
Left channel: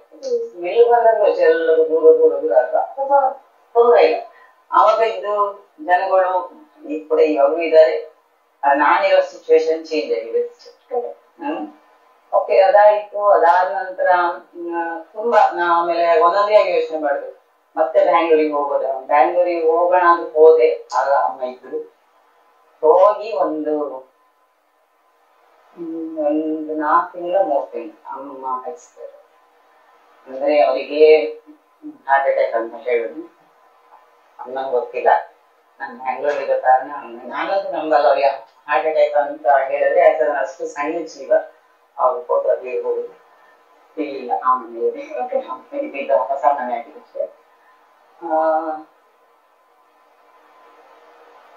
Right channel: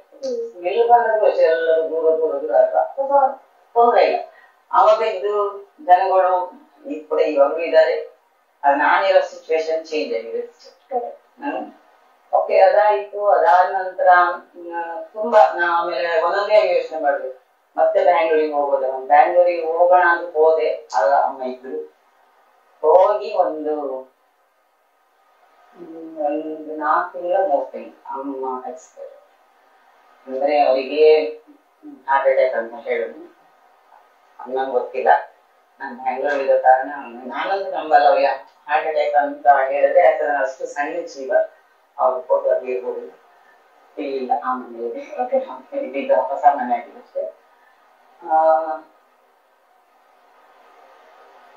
ವಿಲ್ ಬಂದಾಗ ಎಲ್ಲರೂ ದೂರ ತೊಂದ್ರೆ ಇಲ್ಲ. ಅವಾಗ ಇದ್ದು ಜನಗಳು ಈಗ ಕೂಡ ಇವಾಗೂ ಇದ್ದಾರೆ. ನಾನಿರೋ ಸಿಚುವೇಶನ್ ಚೇಂಜ್ ಆಗಿದೆ ಅಷ್ಟೇ. ಓಕೆ, ಅದಾಯ್ತು. ಅದಾದ ನಂತರ ತುಂಬಾ ಆಮೇಲೆ ಒಂದೊಂದೇ ಯೋಚನೆ ಮಾಡಿದೆ, ಮತ್ತೆ ಬ್ಯಾಂಗ್ಳೂರಿಗೆ ಹೋಗೋದು. ಬ್ಯಾಂಗ್ಳೂರಿಗೆ ಹೋಗೋಣ ಅಂತ ಹೋದೆ. ಆಗ ಅಮ್ಮ ಇದ್ರು. ಹೋಗಿ ಒಂದು 4 ತಿಂಗಳ 3 ತಿಂಗಳು ಅಮ್ಮ ಎಕ್ಸ್ಪೈರ್. ಅಂದ್ರೆ ಅವರಿಗೆ ಹಾರ್ಟ್ ಅಟ್ಯಾಕ್ ಅಂತ ಹೇಳುದು. ನಂಗೆ ಗೊತ್ತಿಲ್ಲ, ನಾನು ಬ್ಯಾಂಗ್ಳೂರಿಗೆ ಇರೋ ಕಾರಣ ನಾನಂತೂ ನಂಬಲ್ಲ ಅವ್ರಿಗೆ ಹಾರ್ಟ್ ಅಟ್ಯಾಕ್ ಅಂತ ಹೇಳಿದ್ರೆ. ಯಾಕಂದ್ರೆ ಅಷ್ಟು ಸಣ್ಣ ಜೀವ, ಅವ್ರ ಫೋಟೋ ಅಲ್ಲಿ ಹೋಗುದು ಇಲ್ಲ. ಆಮೇಲೆ ಹೊಸ ಮನೆ ಆಗಿದೆ ಅಷ್ಟೇ.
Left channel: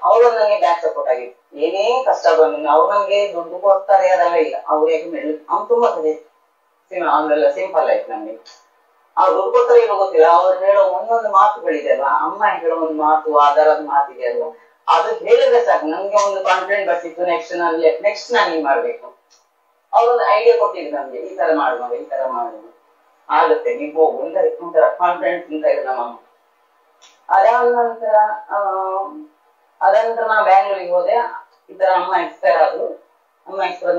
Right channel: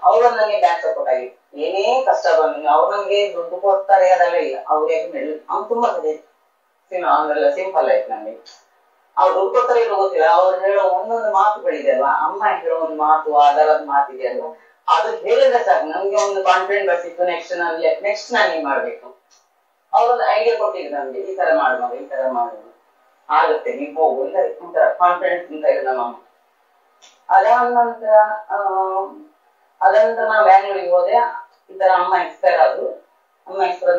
ಅವ್ರು ನನಗೆ ಬ್ಯಾಕ್ ಸಪೋರ್ಟ್ ಆಗಿತ್ತು. ಏನೇ ಕಷ್ಟ ಬಂದು ಅವ್ರು ನಮ್ಗೆ ದುಡ್ಡು ಕೊಡ್ತಾರೆ ಅದೆಲ್ಲ ಇಲ್ಲ. ಅವ್ರು ಯಾಕೆ ಅವ್ನು ತುಂಬಾ ಕಡೆ ಅವನ್ನೆಲ್ಲ ಸಿಂಪಲ್ ಆಯ್ತು ನಮ್ಗೆ. ಅವ್ರು ದುಡ್ಡು ಕೊಡ್ತಾರೆ ಏನೋ ಗೊತ್ತಿಲ್ಲ, ಅವ್ರು ಹೇಳೋ ಒಂದೊಂದು ಮಾತುಗಳಿದೆ ಅಲ್ವಾ, ಅಮ್ಮ ಹೇಳೋ ಒಂದು ಮಾತು, ಆಧಾರದ ಮಾತಿದೆ ಅಲ್ವಾ, ಅದು ಹೇಳಿದ್ರೆ ಸಾಕು ನಮ್ಗೆ ಒಂದು ಕಾನ್ಫಿಡೆಂಟ್ ಬರ್ತಿತ್ತು. ನೆಕ್ಸ್ಟ್ ನಾನು ಹಿಂಗ್ ಮಾಡ್ಬೇಕು. ಅವ್ರೊಂದು ಐಡಿಯಾ ಕೊಟ್ಟಿದ್ರು ನಮ್ಗೆ, ಈ ತರ ಮಾಡುವ, ಈ ತರ ಮಾಡುವ, ಆಗುತ್ತೆ, ನೀವು ಹೋಗು ಅಂತ ಒಂಥರ ಕಾನ್ಫಿಡೆನ್ಸ್ ಅಂತ ಇದೆ ನಮ್ಮಮ್ಮ. ಅದಾದ ನಂತರ ನಾನು ಬ್ಯಾಂಗ್ಳೂರಿಗೆ ಹೋದೆ. ಈ ತರ ಅಮ್ಮ ಎಕ್ಸ್ಪೈರ್ ಆದ್ರು. ಅಮ್ಮ ಎಕ್ಸ್ಪೈರ್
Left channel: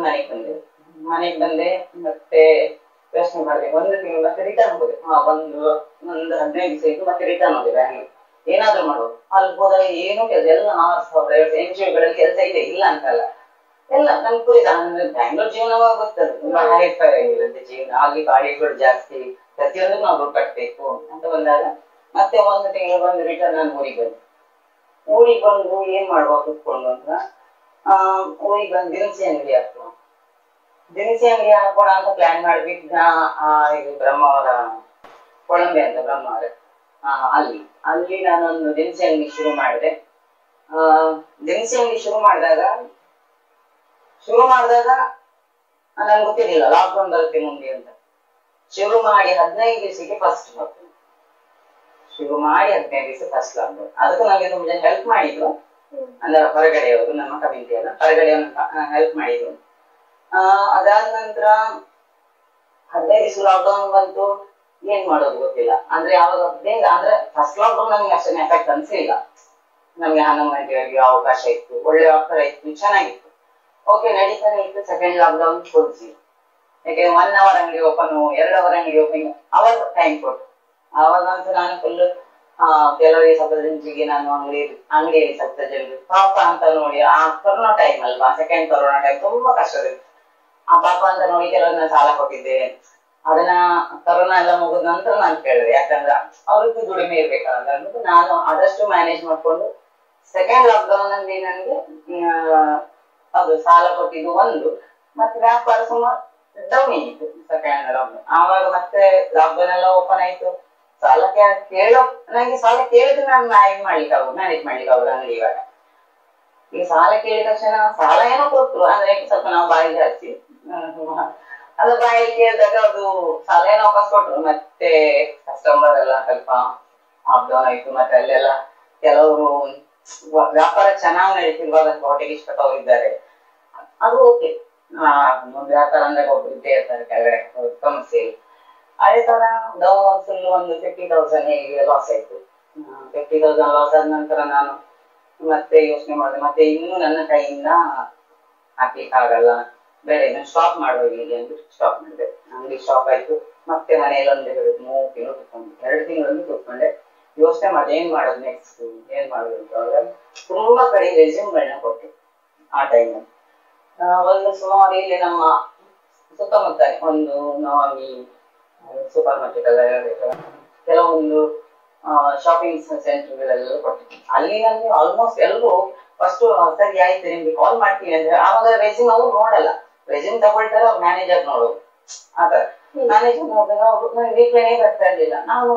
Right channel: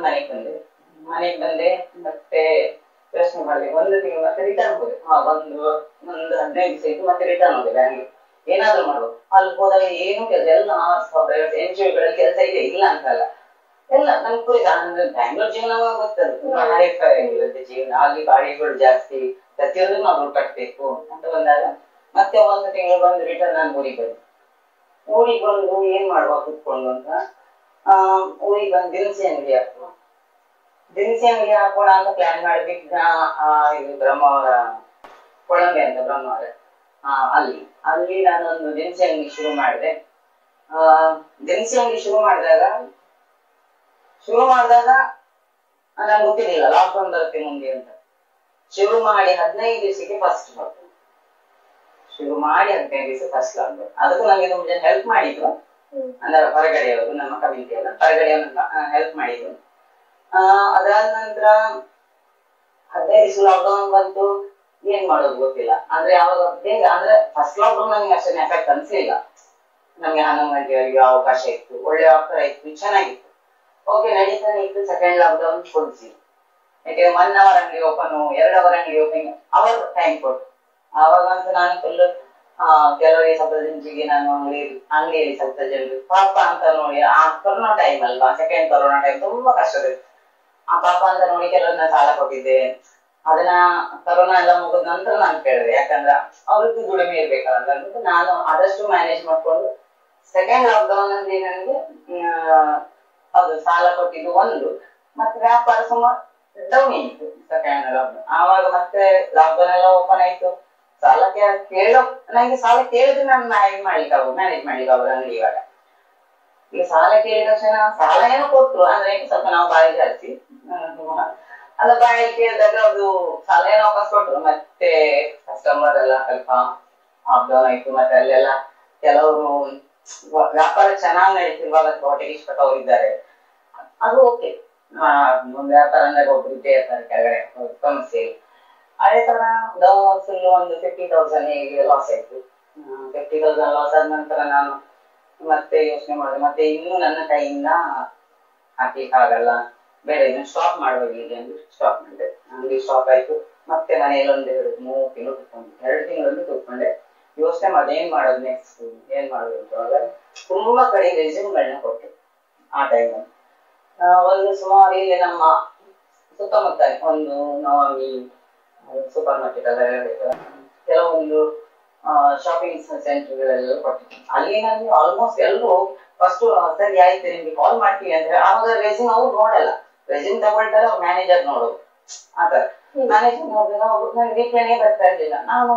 ಮನೆಗೆ ಬಂದೆ. ಮತ್ತೆ ಯೋಚನೆ ಮಾಡಿದೆ, 1 ತಿಂಗಳು ಮತ್ತೆ ರಿಟರ್ನ್ ಹೋದೆ. ಒಂದು 15 ದಿವಸ ಇದ್ದು ಮತ್ತೆ ರಿಟರ್ನ್ ಹೋದೆ ಬ್ಯಾಂಗ್ಳೂರ್. ಏನಾದ್ರು ಮಾಡುವ. ಅಲ್ಲಿ ಹೋದಾಗ ಏನು ಕೆಲಸ ಎಲ್ಲ NGO ಗಳಲ್ಲಿ ಕೆಲಸ ಇದೆ, ಇಲ್ಲ ಅಂತಲ್ಲ, ಎಲ್ಲ ನಮ್ಗೆ ಕುರಿತ. ಬ್ಯಾಂಗ್ಳೂರ್ ಜೀವನವಾಗ ಗೊತ್ತಲ್ಲ, ತುಂಬಾ ಹೈಫೈ ಆಗಿರುತ್ತೆ ಜೀವನ. ಅಲ್ಲಿ ಗಾಡಿಗಳು ಜಾಸ್ತಿ, ಪ್ರತಿಯೊಂದು ನಾವು ದುಡ್ಡು ಕಟ್ಬೇಕು ಅಂತ ಬಂದಾಗ ಮತ್ತೆ 1 ತಿಂಗಳು ಬಂದು ರಿಟರ್ನ್ ನಾನು ಊರಿಗೆ ಬಂದು ಏನ್ ಮಾಡುವ ಕುತ್ಕೊಂಡು ಅಂತ ಊರಿಗೆ ಬಂದು ದಿನಸಿ ಅಂಗಡಿ ಹಾಕೋಣ ಅಂತ ಪ್ಲಾನ್ ಮಾಡ್ಬಿಟ್ಟು ಇದು ಬ್ರಹ್ಮಾವರ ಕೊಳಂಬೆ ಅಂತ ಬ್ರಹ್ಮಾವರ, ಅಲ್ಲಿ ನಾನೊಂದು ದಿನಸಿ ಅಂಗಡಿ ಶುರು ಮಾಡಿದೆ. ದಿನಸಿ ಅಂಗಡಿ ಶುರು ಮಾಡಿದಾಗ ನನ್ಗೆ ಗೊತ್ತಿರಲಿಲ್ಲ ಲಾಕ್ಡೌನ್ ಬರುತ್ತೆ ಮುಂದೆ ಅಂತ. ಶುರು ಮಾಡಿ 15 ದಿವಸಕ್ಕೆ ಫಸ್ಟ್ ಲಾಕ್ಡೌನ್. ಅದಕ್ಕೂ ನಂಗೆ ತುಂಬ ಜನ ಹೆಲ್ಪ್ ಮಾಡಿದ್ರು. ಅಂದ್ರೆ ಹೊರಗಡೆಯವರು, ನಮ್ಮ ಕಮ್ಯುನಿಟಿ ಎಲ್ಲ ಹೊರಗಡೆಯವ್ರು ಹೆಲ್ಪ್ ಮಾಡಿದ್ರು. ಅದಾದ ನಂತರ 15 ದಿವಸ ಲಾಕ್ಡೌನ್ ಬಂತು. ಏನ್ ಮಾಡೋದು ಗೊತ್ತಿಲ್ಲ. ಅಂದ್ರೆ ಯಾವಾಗ ಅಂದ್ರೆ ಫಸ್ಟ್ ಲಾಕ್ಡೌನ್ ನಮ್ಗೆ ಅಷ್ಟೊಂದು ಎಫೆಕ್ಟ್ ಅನ್ಸಲಿಲ್ಲ. ನಮ್ಗೆ 11 ಗಂಟೆವರೆಗೆ ಅವಕಾಶ ಇತ್ತು, ಒಳ್ಳೆ ಆಫರ್ ಇತ್ತು, ಚೆನ್ನಾಗಿತ್ತು, ಓಕೆ ನಡೀತಾನೆ ಇತ್ತು. ಸೆಕೆಂಡ್ ಲಾಕ್ಡೌನ್ ಕೊಡ್ಸಿ, ಯಾಕೆಂದ್ರೆ 1 ಅವರ್ ಅಂಗಡಿ ಓಪನ್, 2 ಅವರ್ ಅಂಗಡಿ ಓಪನಿಂಗ್, ಅವರ್ ಟೈಮ್ ಕೊಟ್ಟು. ಆವಾಗ ಅಂತ ನಾನು ಫುಲ್ ಕೆಲವರಿಗೆ ಸ್ವಲ್ಪ ಜಿಂಜಿಗೆ ನಾನು ಅಂಗಡಿಯಲ್ಲಿ ಸ್ವಲ್ಪ ಜನ ಪಾಪ ಅಂತ ನೋಡಿ, ಆ ಕೊರೋನಾ ಟೈಮ್ ಅಲ್ವಾ, ಸೆಕೆಂಡ್ ಕೊರೋನಾ ಟೈಮ್ ತುಂಬಾ ಕಷ್ಟದಿತ್ತು. ಆ ಪಾಪ ಅಂತ ನೋಡಿ ಕೆಲವನ್ನ ಸಾಲ ಕೊಟ್ಟಿದ್ದೆ. ಅದನ್ನ ಕೊರೋನಾ ಎಲ್ಲ ಮುಗಿದ ನಂತರ ನಾನು ಕೇಳಿದೆ, ಯಾಕಂದ್ರೆ ಅವ್ರಿಗೂ ದುಡಿಮೆ ಇರ್ಬೇಕಲ್ಲ ಅಂದ್ಬಿಟ್ಟು ನಾನು ಆದಷ್ಟು ಮ್ಯಾನೇಜ್ ಮಾಡ್ಕೊಂಡು ಸೆಕೆಂಡ್ ಲಾಕ್ಡೌನ್ ಅಲ್ಲಿ ನನಗೆ ಅದು ಸಾಲ ಕೊಟ್ಟಿದ್ದು ಒಂದು, ಮತ್ತೆ ವ್ಯಾಪಾರ ಸುಮಾರು ಡೌನ್ ಆಗಿತ್ತು ಸೆಕೆಂಡ್ ಲಾಕ್ಡೌನ್. ಆವಾಗ ಮತ್ತೆ ಲಾಕ್ಡೌನ್ ಎಲ್ಲ ಓಪನ್ ಆಯ್ತು. ಸಾಲ ನಂಗೆ ಸಾಲ ಕೇಳಿದ್ರೆ ನಾನು ಮ್ಯಾನೇಜ್ ಮಾಡ್ಲಿಕ್ಕೆ ಆಗುದು ಅಂಗಡಿ. ಇವಾಗ ಈಗ ಸಾಲ ಕೇಳಿದ ತಕ್ಷಣ ಸಾಲ ಏನೋ ಕೊಟ್ರು, ಅಂದ್ರೆ ಸ್ವಲ್ಪ ನಾವು ಬಾಯಿ ಜಾಸ್ತಿ ಅಲ್ಲ, ಬಾಯಿ ಕೇಳಿದಾಗ ಅದು ಸಾಲ ಏನೋ ವಾಪಸ್ ಕೊಟ್ರು. ಮತ್ತೆ ಕಸ್ಟಮರ್ ಎಲ್ಲ ಸ್ವಲ್ಪ ಅಪ್ ಡೌನ್ ಆಯ್ತು. ಮತ್ತೆ ಅಲ್ಲೆಲ್ಲ ಕೆಲವರು ವ್ಯಾಪಾರ ಚೆನ್ನಾಗಿ ನಡೀತಿರುವಾಗ ಹೊಟ್ಟೆಗೆ ಇಷ್ಟಪಟ್ಟವ್ರು ಇದ್ದಾರೆ, ಅದು ಓಕೆ. ಒಂದು ವ್ಯಾಪಾರ ಅಂದಾಗ ಒಬ್ರು ಇದ್ದೇ ಇರ್ತಾರೆ ಕೆಳಗಡೆ ಸಮಸ್ಯೆ. ಅದೇ ತರ ಫುಲ್ ಒಂದು 50,000 ಲಾಸ್ ಆಯ್ತು. 50,000 ಲಾಸ್ ಆದ ನಂತರ ನಾನು ಮತ್ತೆ ಯೋಚನೆ ಮಾಡಿದೆ, ಮತ್ತೆ ಇನ್ನು ನನ್ನ ಕೈಯಿಂದ ಹಾಕ್ಲಿಕ್ಕೆ ಆಗಲ್ಲ, ಬೇರೆ ಇದನ್ನು ಸ್ಟಾಪ್ ಮಾಡುವ ಇಲ್ಲಿ ಅಂದ್ಬಿಟ್ಟು ಸ್ಟಾಪ್ ಮಾಡಿದೆ. ಅಂಗಡಿ ಸ್ಟಾಪ್ ಆಯ್ತು. ಮತ್ತೆ ಮನೆಯಲ್ಲಿ ಒಂದು 3 ತಿಂಗಳು ಕೂತ್ಕೊಂಡೆ, 2 ತಿಂಗಳಲ್ಲಿ ಕೂತ್ಕೊಂಡೆ. ಯೋಚನೆ ಮಾಡಿದೆ ಏನ್ ಮಾಡೋದು ನೆಕ್ಸ್ಟ್, ಏನ್ ಮಾಡೋದು ಅಂತ. ತುಂಬಾ ಕಡೆ ರೆಸ್ಯೂಮ್ಗಳನ್ನ ಕೊಟ್ಟೆ ಆ ಟೈಮಲ್ಲಿ. ಒಂದು ಸುಮಾರು ಇಲ್ಲಿ ನಮ್ಮ ಸುತ್ತಮುತ್ತ ಒಂದು ನವಾಮಿ ಸೂಪರ್ ಮಾರ್ಕೆಟ್ ಎಲ್ಲ ಕೆಲವೊಂದು ಶಾಪಿಂಗ್ ಸೆಂಟರ್ಗಳೆಲ್ಲ ಕೊಟ್ಟೆ. ಅಲ್ಲಿ ನನಗೆ ಆಲ್ಮೋಸ್ಟ್ ಎಲ್ಲರೂ ಫಸ್ಟ್ ಸರಿ ಆಯ್ತು ನಿಮ್ಗೆ ಕಾಲ್ ಮಾಡ್ತೀವಿ ಅಂದ್ರೆ ಆವಾಗ ರೆಸ್ಯೂಮ್ ಅವ್ರು ನೋಡಲ್ಲ, ರೆಸ್ಯೂಮ್ ತಗೊಳ್ತಾರೆ ಅವ್ರು ಮ್ಯಾನೇಜರ್ ನೋಡೋದು. ಆತರ ಮ್ಯಾನೇಜರ್ ನೋಡಿದಾಗ ಅವ್ರು ನಂಗೆ ರಿಪ್ಲೈನೇ ಬರ್ತಾ ಇರ್ಲಿಲ್ಲ. ನಾನು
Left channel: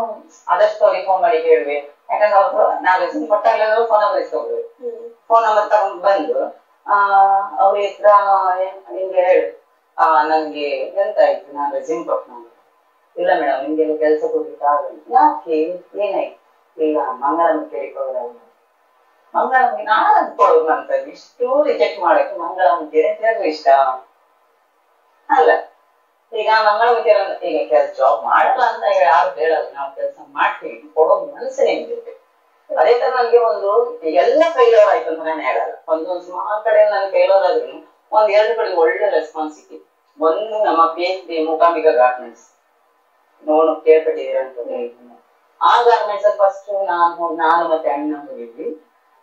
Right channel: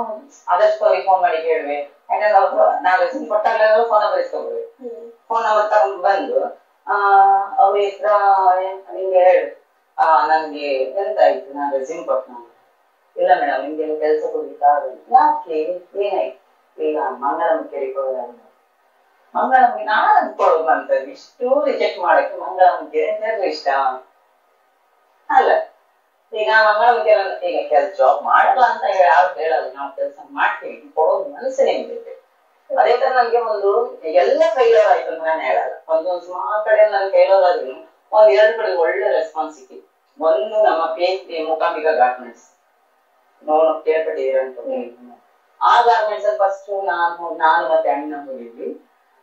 ಆದಷ್ಟು ಅವ್ರಿಗೆ ಫೋನ್ ಮಾಡಿ ಹೇಳ್ವೆ, ಯಾಕಂದ್ರೆ ಅವ್ರು ನಾವು ರೆಸ್ಯೂಮ್ ಕೊಟ್ಟಾಗಲೂ ಫೋನ್ ನಂಬರ್ ಇಸ್ಕೊಳ್ಬೇಕು. ಫೋನ್ ನಂಬರ್ ತಗೊಂಡು ಬಂದು ಅವ್ರ ಹತ್ರ ನಿಮ್ಗೆ ಹೇಳು ನನ್ಗೆ ಎಂತ ಆಯ್ತು, ನಾನು ರೆಸ್ಯೂಮ್ ಕೊಟ್ಟು ನಾನು ಇಲ್ಲ ಮೇಡಮ್ ನಿಮ್ಗೆಲ್ಲ ಕೆಲಸ ಕೊಡ್ಲಿಕ್ಕೆ ಆಗಲ್ಲ. ಯಾಕೆ ಏನಾಯ್ತು, ಈಗ ಮಂಗಳಮುಖಿ ರಿಕವರ್ ಮಂಗಳಮುಖಿ ನಾನು ಅಂದ್ಕೊಳ್ಳೋದು ನಂತದ್ದು ಇಷ್ಟು ರಿಜೆಕ್ಟ್ ಮಾಡಕ್ಕೆ ಮಂಗಳಮುಖಿ ಅಂತ ಇಷ್ಟ ಅಲ್ಲ. ಈಗ ಮಂಗಳಮುಖಿ ಈಗ ಕೆಲಸ ಜಾಬ್ ಮಾಡಲ್ಲ ಅಂತ ಯಾರು ಹೇಳಲ್ಲ, ನಾವು ಕೆಲಸ ಮಾಡ್ತೀವಿ ಕೊಡೋದು ಮನಸ್ಸು ನಿಮ್ಗೆ. ಅದೇ ತರ ನನ್ಗೆ ಒಂದು ಎಲ್ಲ ಫೇಲ್ಯೂರ್ ಆಯ್ತು ಅಂತ ನಾನು ಹೇಳಲ್ಲ, ಒಂದೊಂದು ಸುಮಾರು ಕಡೆ ನನ್ ಫೇಲ್ಯೂರ್ ಆದ್ರೂ 1-2 ಕಡೆ ಒಳ್ಳೆ ರೆಸ್ಪಾನ್ಸ್ ಸಿಕ್ಕಿತ್ತು. ಒಂದು ನಮ್ಮ PhD ಮೂಕಾಂಬಿಕಾ ಗಾರ್ಮೆಂಟ್ಸ್ ನೋವು ಕೇಳ್ಪಟ್ಟಿದ್ದೀರ ಅಂತ. ಆ ಗಾರ್ಮೆಂಟ್ಸ್ ಅಲ್ಲಿ ಫಸ್ಟ್ ನಾನು ಮತ್ತೆ ಅಣ್ಣ ಹೋಗಿದ್ವಿ.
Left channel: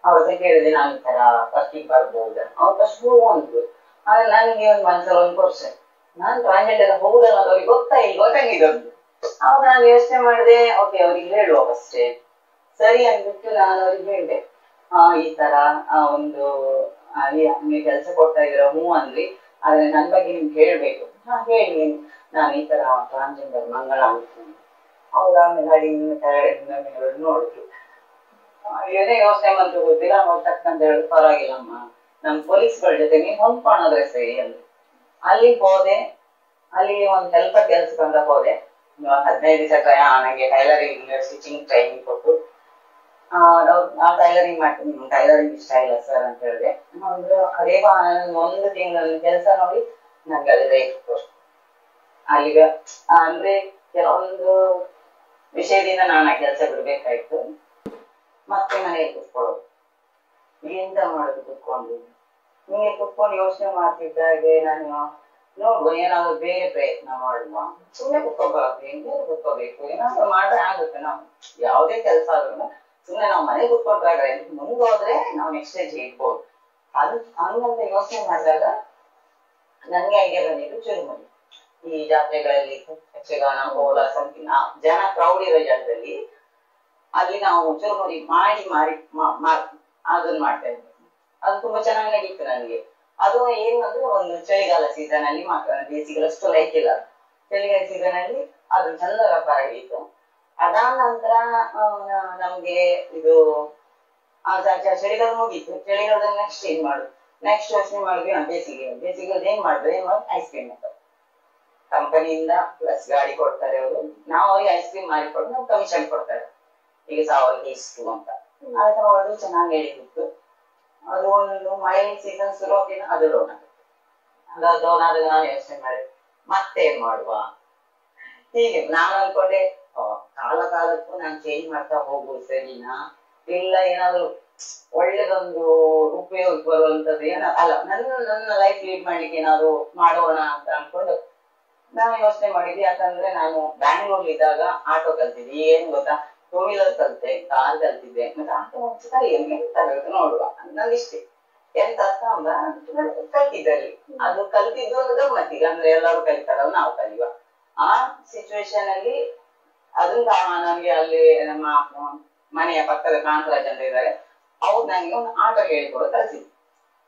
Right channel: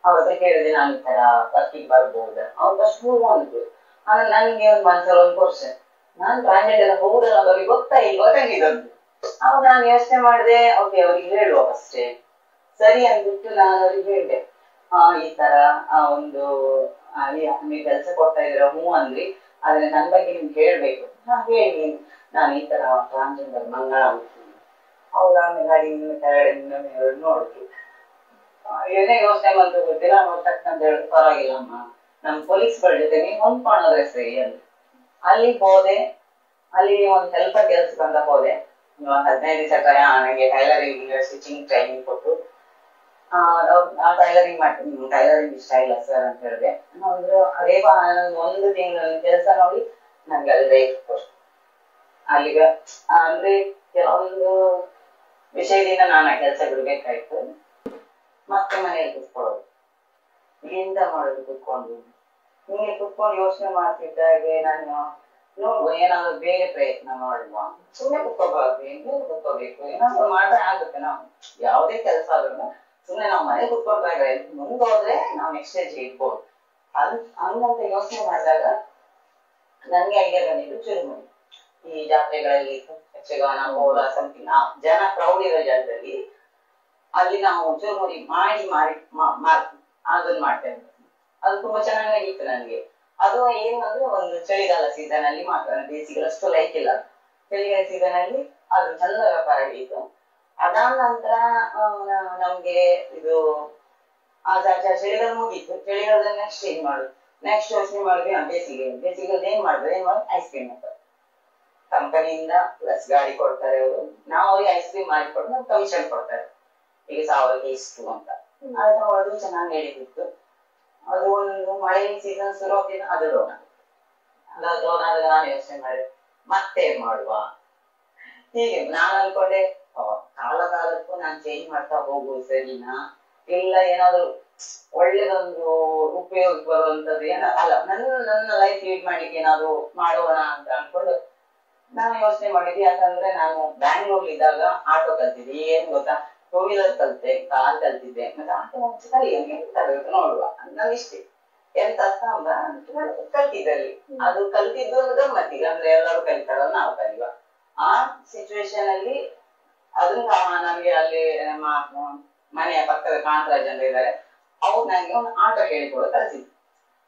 ಅವ್ರ ಹತ್ರ ಕೇಳಿದೆ ನಾನು ಈ ತರ ವರ್ಕಿಗೆ ಬರ್ಬೋದ, ಅವ್ರು ಫಸ್ಟ್ ಅಂದ್ರು. ಆದ್ರೆ ನನಗೆ ಒಂದು ಮನ್ಸಲ್ಲಿ ಒಂದು ಕ್ವಶನ್, ನಾನು ಟ್ರಾನ್ಸ್ಜೆಂಡರ್ ಹೋಗುದಲ್ಲ ಅಂತ ಅವ್ರಿಗೆ ಗೊತ್ತಾಗಿದ್ದು. ಅವಾಗ ನಾನು ಯೋಚನೆ ಮಾಡಿದೆ, ಓಕೆ ಅವ್ರಿಗೆ ಹೇಳುವ ಅಷ್ಟೇ ಸರಿ ಅಂದ್ಬಿಟ್ಟು ನಾನು ಅವ್ರಿಗೆ ಹೇಳಿದೆ ಈ ತರ ಒಂದು ನೀವು ಕೆಲಸ ಕೊಡ್ತಾ ಇದ್ದೀರ ಹ್ಞೂ ಅಂದ್ರಿ, ಆದ್ರೆ ನನ್ ಬಗ್ಗೆ ನಿಮ್ಗೆ ಹೇಳ್ಬೇಕು. ಹೇಳಿ ನಾನು ಈ ತರ ಟ್ರಾನ್ಸ್ಜೆಂಡರ್ ಮಂಗಳ ಅಂತ. ಅವ್ರ ಆಮೇಲೆ ಕೆಳಗಡೆ ನೋಡಿದ್ರು, ಏನೇ ಯೋಚನೆ ಮಂತ್ರ ಗೊತ್ತಿಲ್ಲ. ನೋಡ್ತಕ್ಕಂತ ಹೇಳಿ ಪರವಾಗಿಲ್ಲಮ್ಮ ನಮ್ ಪೊಲೀಸ್ಗಳ ಜೊತೆ ನೀವು ಹೊಂದ್ಕೊಂಡ್ರೆ ಸರಿ ಅಲ್ಲಿ. ಅಲ್ಲಿಗೆ ಹೋದೆ, ಅಲ್ಲಿ ಒಂದ್ ಸ್ವಲ್ಪ ಕೆಲ್ಸಕ್ಕಂತ ಹೋದೆ. 15 ದಿವಸ ನಂಗೆ ಟೈಲರಿಂಗ್ ಸ್ಟಿಚಿಂಗ್ ಟ್ರೈನಿಂಗ್ ಕೊಟ್ಟು ಟೈಲರಿಂಗ್ ಮಾಡ್ತೀನಿ, ಟೈಲರಿಂಗ್ ಇಷ್ಟ ಇಲ್ಲ ಸರ್ ಅಂತ ಹೇಳಿದೆ. ಅದೇ 1 ತಿಂಗಳ ಕೆಲಸ ನೋಡಿ ನನ್ಗೆ ಅಲ್ಲಿ ರೇಟ್ ಕೊಟ್ಟು ಅಲ್ಲಿಗ ಅಂದ್ರೆ ಕೆಲವೊಂದು ವಿಷಯದಿಂದ ನಾನು ಆ ಕೆಲಸ ಬಿಡ್ಬೇಕಾಯ್ತು. ಮತ್ತೆ ಮನೆಯಲ್ಲಿ ಕುತ್ಕೊಳ್ಳೋದು, ಎಂತ ಮಾಡೋದು ಕುತ್ಕೊಂಡು ಹಿಂಗೆ ಕುತ್ಕೊಂಡು ಯೋಚನೆ ಮಾಡ್ತಿದ್ದಾಗೆ ನಾನು ನೋಡುವ ಏನಾದ್ರು ಬೇರೆ ಪ್ರಯತ್ನ ಮಾಡುವ. ಸುಮ್ಮನೆ ಕುತ್ಕೋಬಾರ್ದು, ಎಂತ ಕುತ್ಕೋಬೇಕು, ಏನಾದ್ರು ಮಾಡ್ರೆ ಆಗುತ್ತೆ. ನಾವು ಯಾವುದೇ ಕೆಲಸ ಆದ್ರೂ ಸುಮ್ಮನೆ ನಾವು ಮನೆ ಕುತ್ಕೊಳ್ದಾಗ ಮುಂದೋದ್ರೆ ನಾವು ನೆಕ್ಸ್ಟ್ ಸ್ಟೇಜ್ ಇಡ್ಬೋದು. ಹಂಗಂತ ಯೋಚನೆ ಮಾಡಿದಾಗ ನನ್ಗೆ ಐಡಿಯಾ ಬಂದಿದ್ದು ಚುರುಮುರಿ. ಈ ಜಾತ್ರೆಗಳಲ್ಲಿ ಯಕ್ಷಗಾನ ಕೋಲ ಸಮಥಿಂಗ್ ಜನ ಕ್ರೌಡ್ ಇರೋ ಜಾಗದಲ್ಲಿ ಅಲ್ಲಿ ನಾವು ಚುರುಮುರಿ ಮಾರಿ ಅದನ್ನ ಮಾಡ್ತೇವೆ. ಅದು ತುಂಬಾ ಚೆನ್ನಾಗಿ ನಡೀತು ನನಗೆ. ಅದು ಏನು ಅಂದ್ರೆ ಒಂದು ಚಳಿಗಾಲ ಸೀಸನ್ ಅಲ್ಲಿ ಮಾತ್ರ, ಬೇಸಿಗೆ ಅಷ್ಟು ಲೈಕ್ ಇಲ್ಲ. ಚಳಿಗಾಲ ಸೀಸನ್ ಅಲ್ಲಿ ಅದು ಚಂದ ವ್ಯಾಪಾರ ಹಿಡಿತು. ಅದಾದ ನಂತರ ನಮ್ಗೆ ಇದು ಚಳಿಗಾಲ ಮುಗೀತು. ಚಳಿಗಾಲದಲ್ಲಿ ನೆಕ್ಸ್ಟ್ ಏನ್ ಮಾಡುದು, ನೆಕ್ಸ್ಟ್ ಯೋಚನೆ ಮಾಡಿದ್ವಿ ಬೇಸಿಗೆ ಏನ್ ಮಾಡುದು ಐಸ್ ಕ್ರೀಮ್ ಅಂತ ಕಂಪನಿಯಿಂದ ಪ್ಲಸ್ ಗಾಡಿ ಕೊಡ್ತಾರೆ ಅವರು, ನಾವು ಅವ್ರಿಗೆ ಐಸ್ ಕ್ರೀಮ್ ಮಾಡಿಕೊಟ್ಟು ನಮ್ಗೆ ಕಮಿಷನ್ ಕೊಡ್ತಾರೆ. ಈಗ 1000 ಇಷ್ಟು ಅಂತ. ಅದು ಚೆನ್ನಾಗಿ ಹೇಳಿತ್ತು. ಅದು ಒಂದು ಮಳೆ ಸೀಸನ್ ಶುರು ಆಗಿನ ಅದು ಡೌನ್ ಆಗುತ್ತೆ. ಡೌನ್ ಆದಾಗ ನಾನು ಯೋಚನೆ ಮಾಡಿದೆ ಮತ್ತೆ ಏನ್ ಮಾಡುವ. ಹೀಗೆ ನಾನು ಅನ್ಕೊಂಡೆ ಕಾಲಕ್ಕೂ ನಾನು ಚೇಂಜ್ ಮಾಡ್ತಾ ಹೋಗುದು ಸರಿನಾ, ಇಲ್ಲ ಏನಾದ್ರು ಒಳ್ಳೇದೊಂದು ಉಪಯೋಗಕ್ಕೆ ಬರುವಂತದ್ದು ಅಲ್ಲ ನನ್ನ ಲೈಫ್ ಲೀಡ್ ಮಾಡ್ಲಿಕ್ಕೆ ಏನಾದ್ರು ಮಾಡೋಣ ಅಂತ ಅನ್ಕೊಂಡು ನಾನು ಯೋಚನೆ ಮಾಡಿದ್ವಿ. ಯಾಕಂದ್ರೆ ನಾನು ಬ್ಯಾಂಗ್ಳೂರ್ಲಿ ಇದ್ದಾಗ ಆಟೋ ಕಲ್ತಿದ್ದೆ. ಏನ್ ಗೊತ್ತಾ, 2 ವೀಲರ್ ಕಲ್ತೆ, ಕಾರ್ ಕಲ್ತಿದ್ದೆ, ಮತ್ತೆ ಆಟೋ ಎಂತ ನೋಡುವ ನನ್ನಿಷ್ಟೇ ಎಂತ ಕಲ್ತಿದ್ದಲ್ಲಿ. ಅದು ಕಲ್ತಿದ್ದು ಒಂದು ಗಮ್ಮತ್ತಿಗೆ, ಅಂದ್ರೆ ಎಲ್ಲರೂ ಕಲಿತಾರಲ್ಲ ನಾವು ಕಲಿಯುವ. ಆ ಸಿಚುವೇಶನ್ ಅಲ್ಲಿ ಅದನ್ನ ನನ್ಗೆ ಅಲ್ಲಿ ನಮ್ಮ ಮನೆಯ ಪಕ್ಕದ ಕಾಂತರಾಜ್ ಅಂತ ಇದ್ದಾರೆ, ಅವ್ರು ನನಗೆ ಒಂದು ಆಟೋ ಹೇಳಿಕೊಡೋ ಕಲಿಸಿದ್ರು.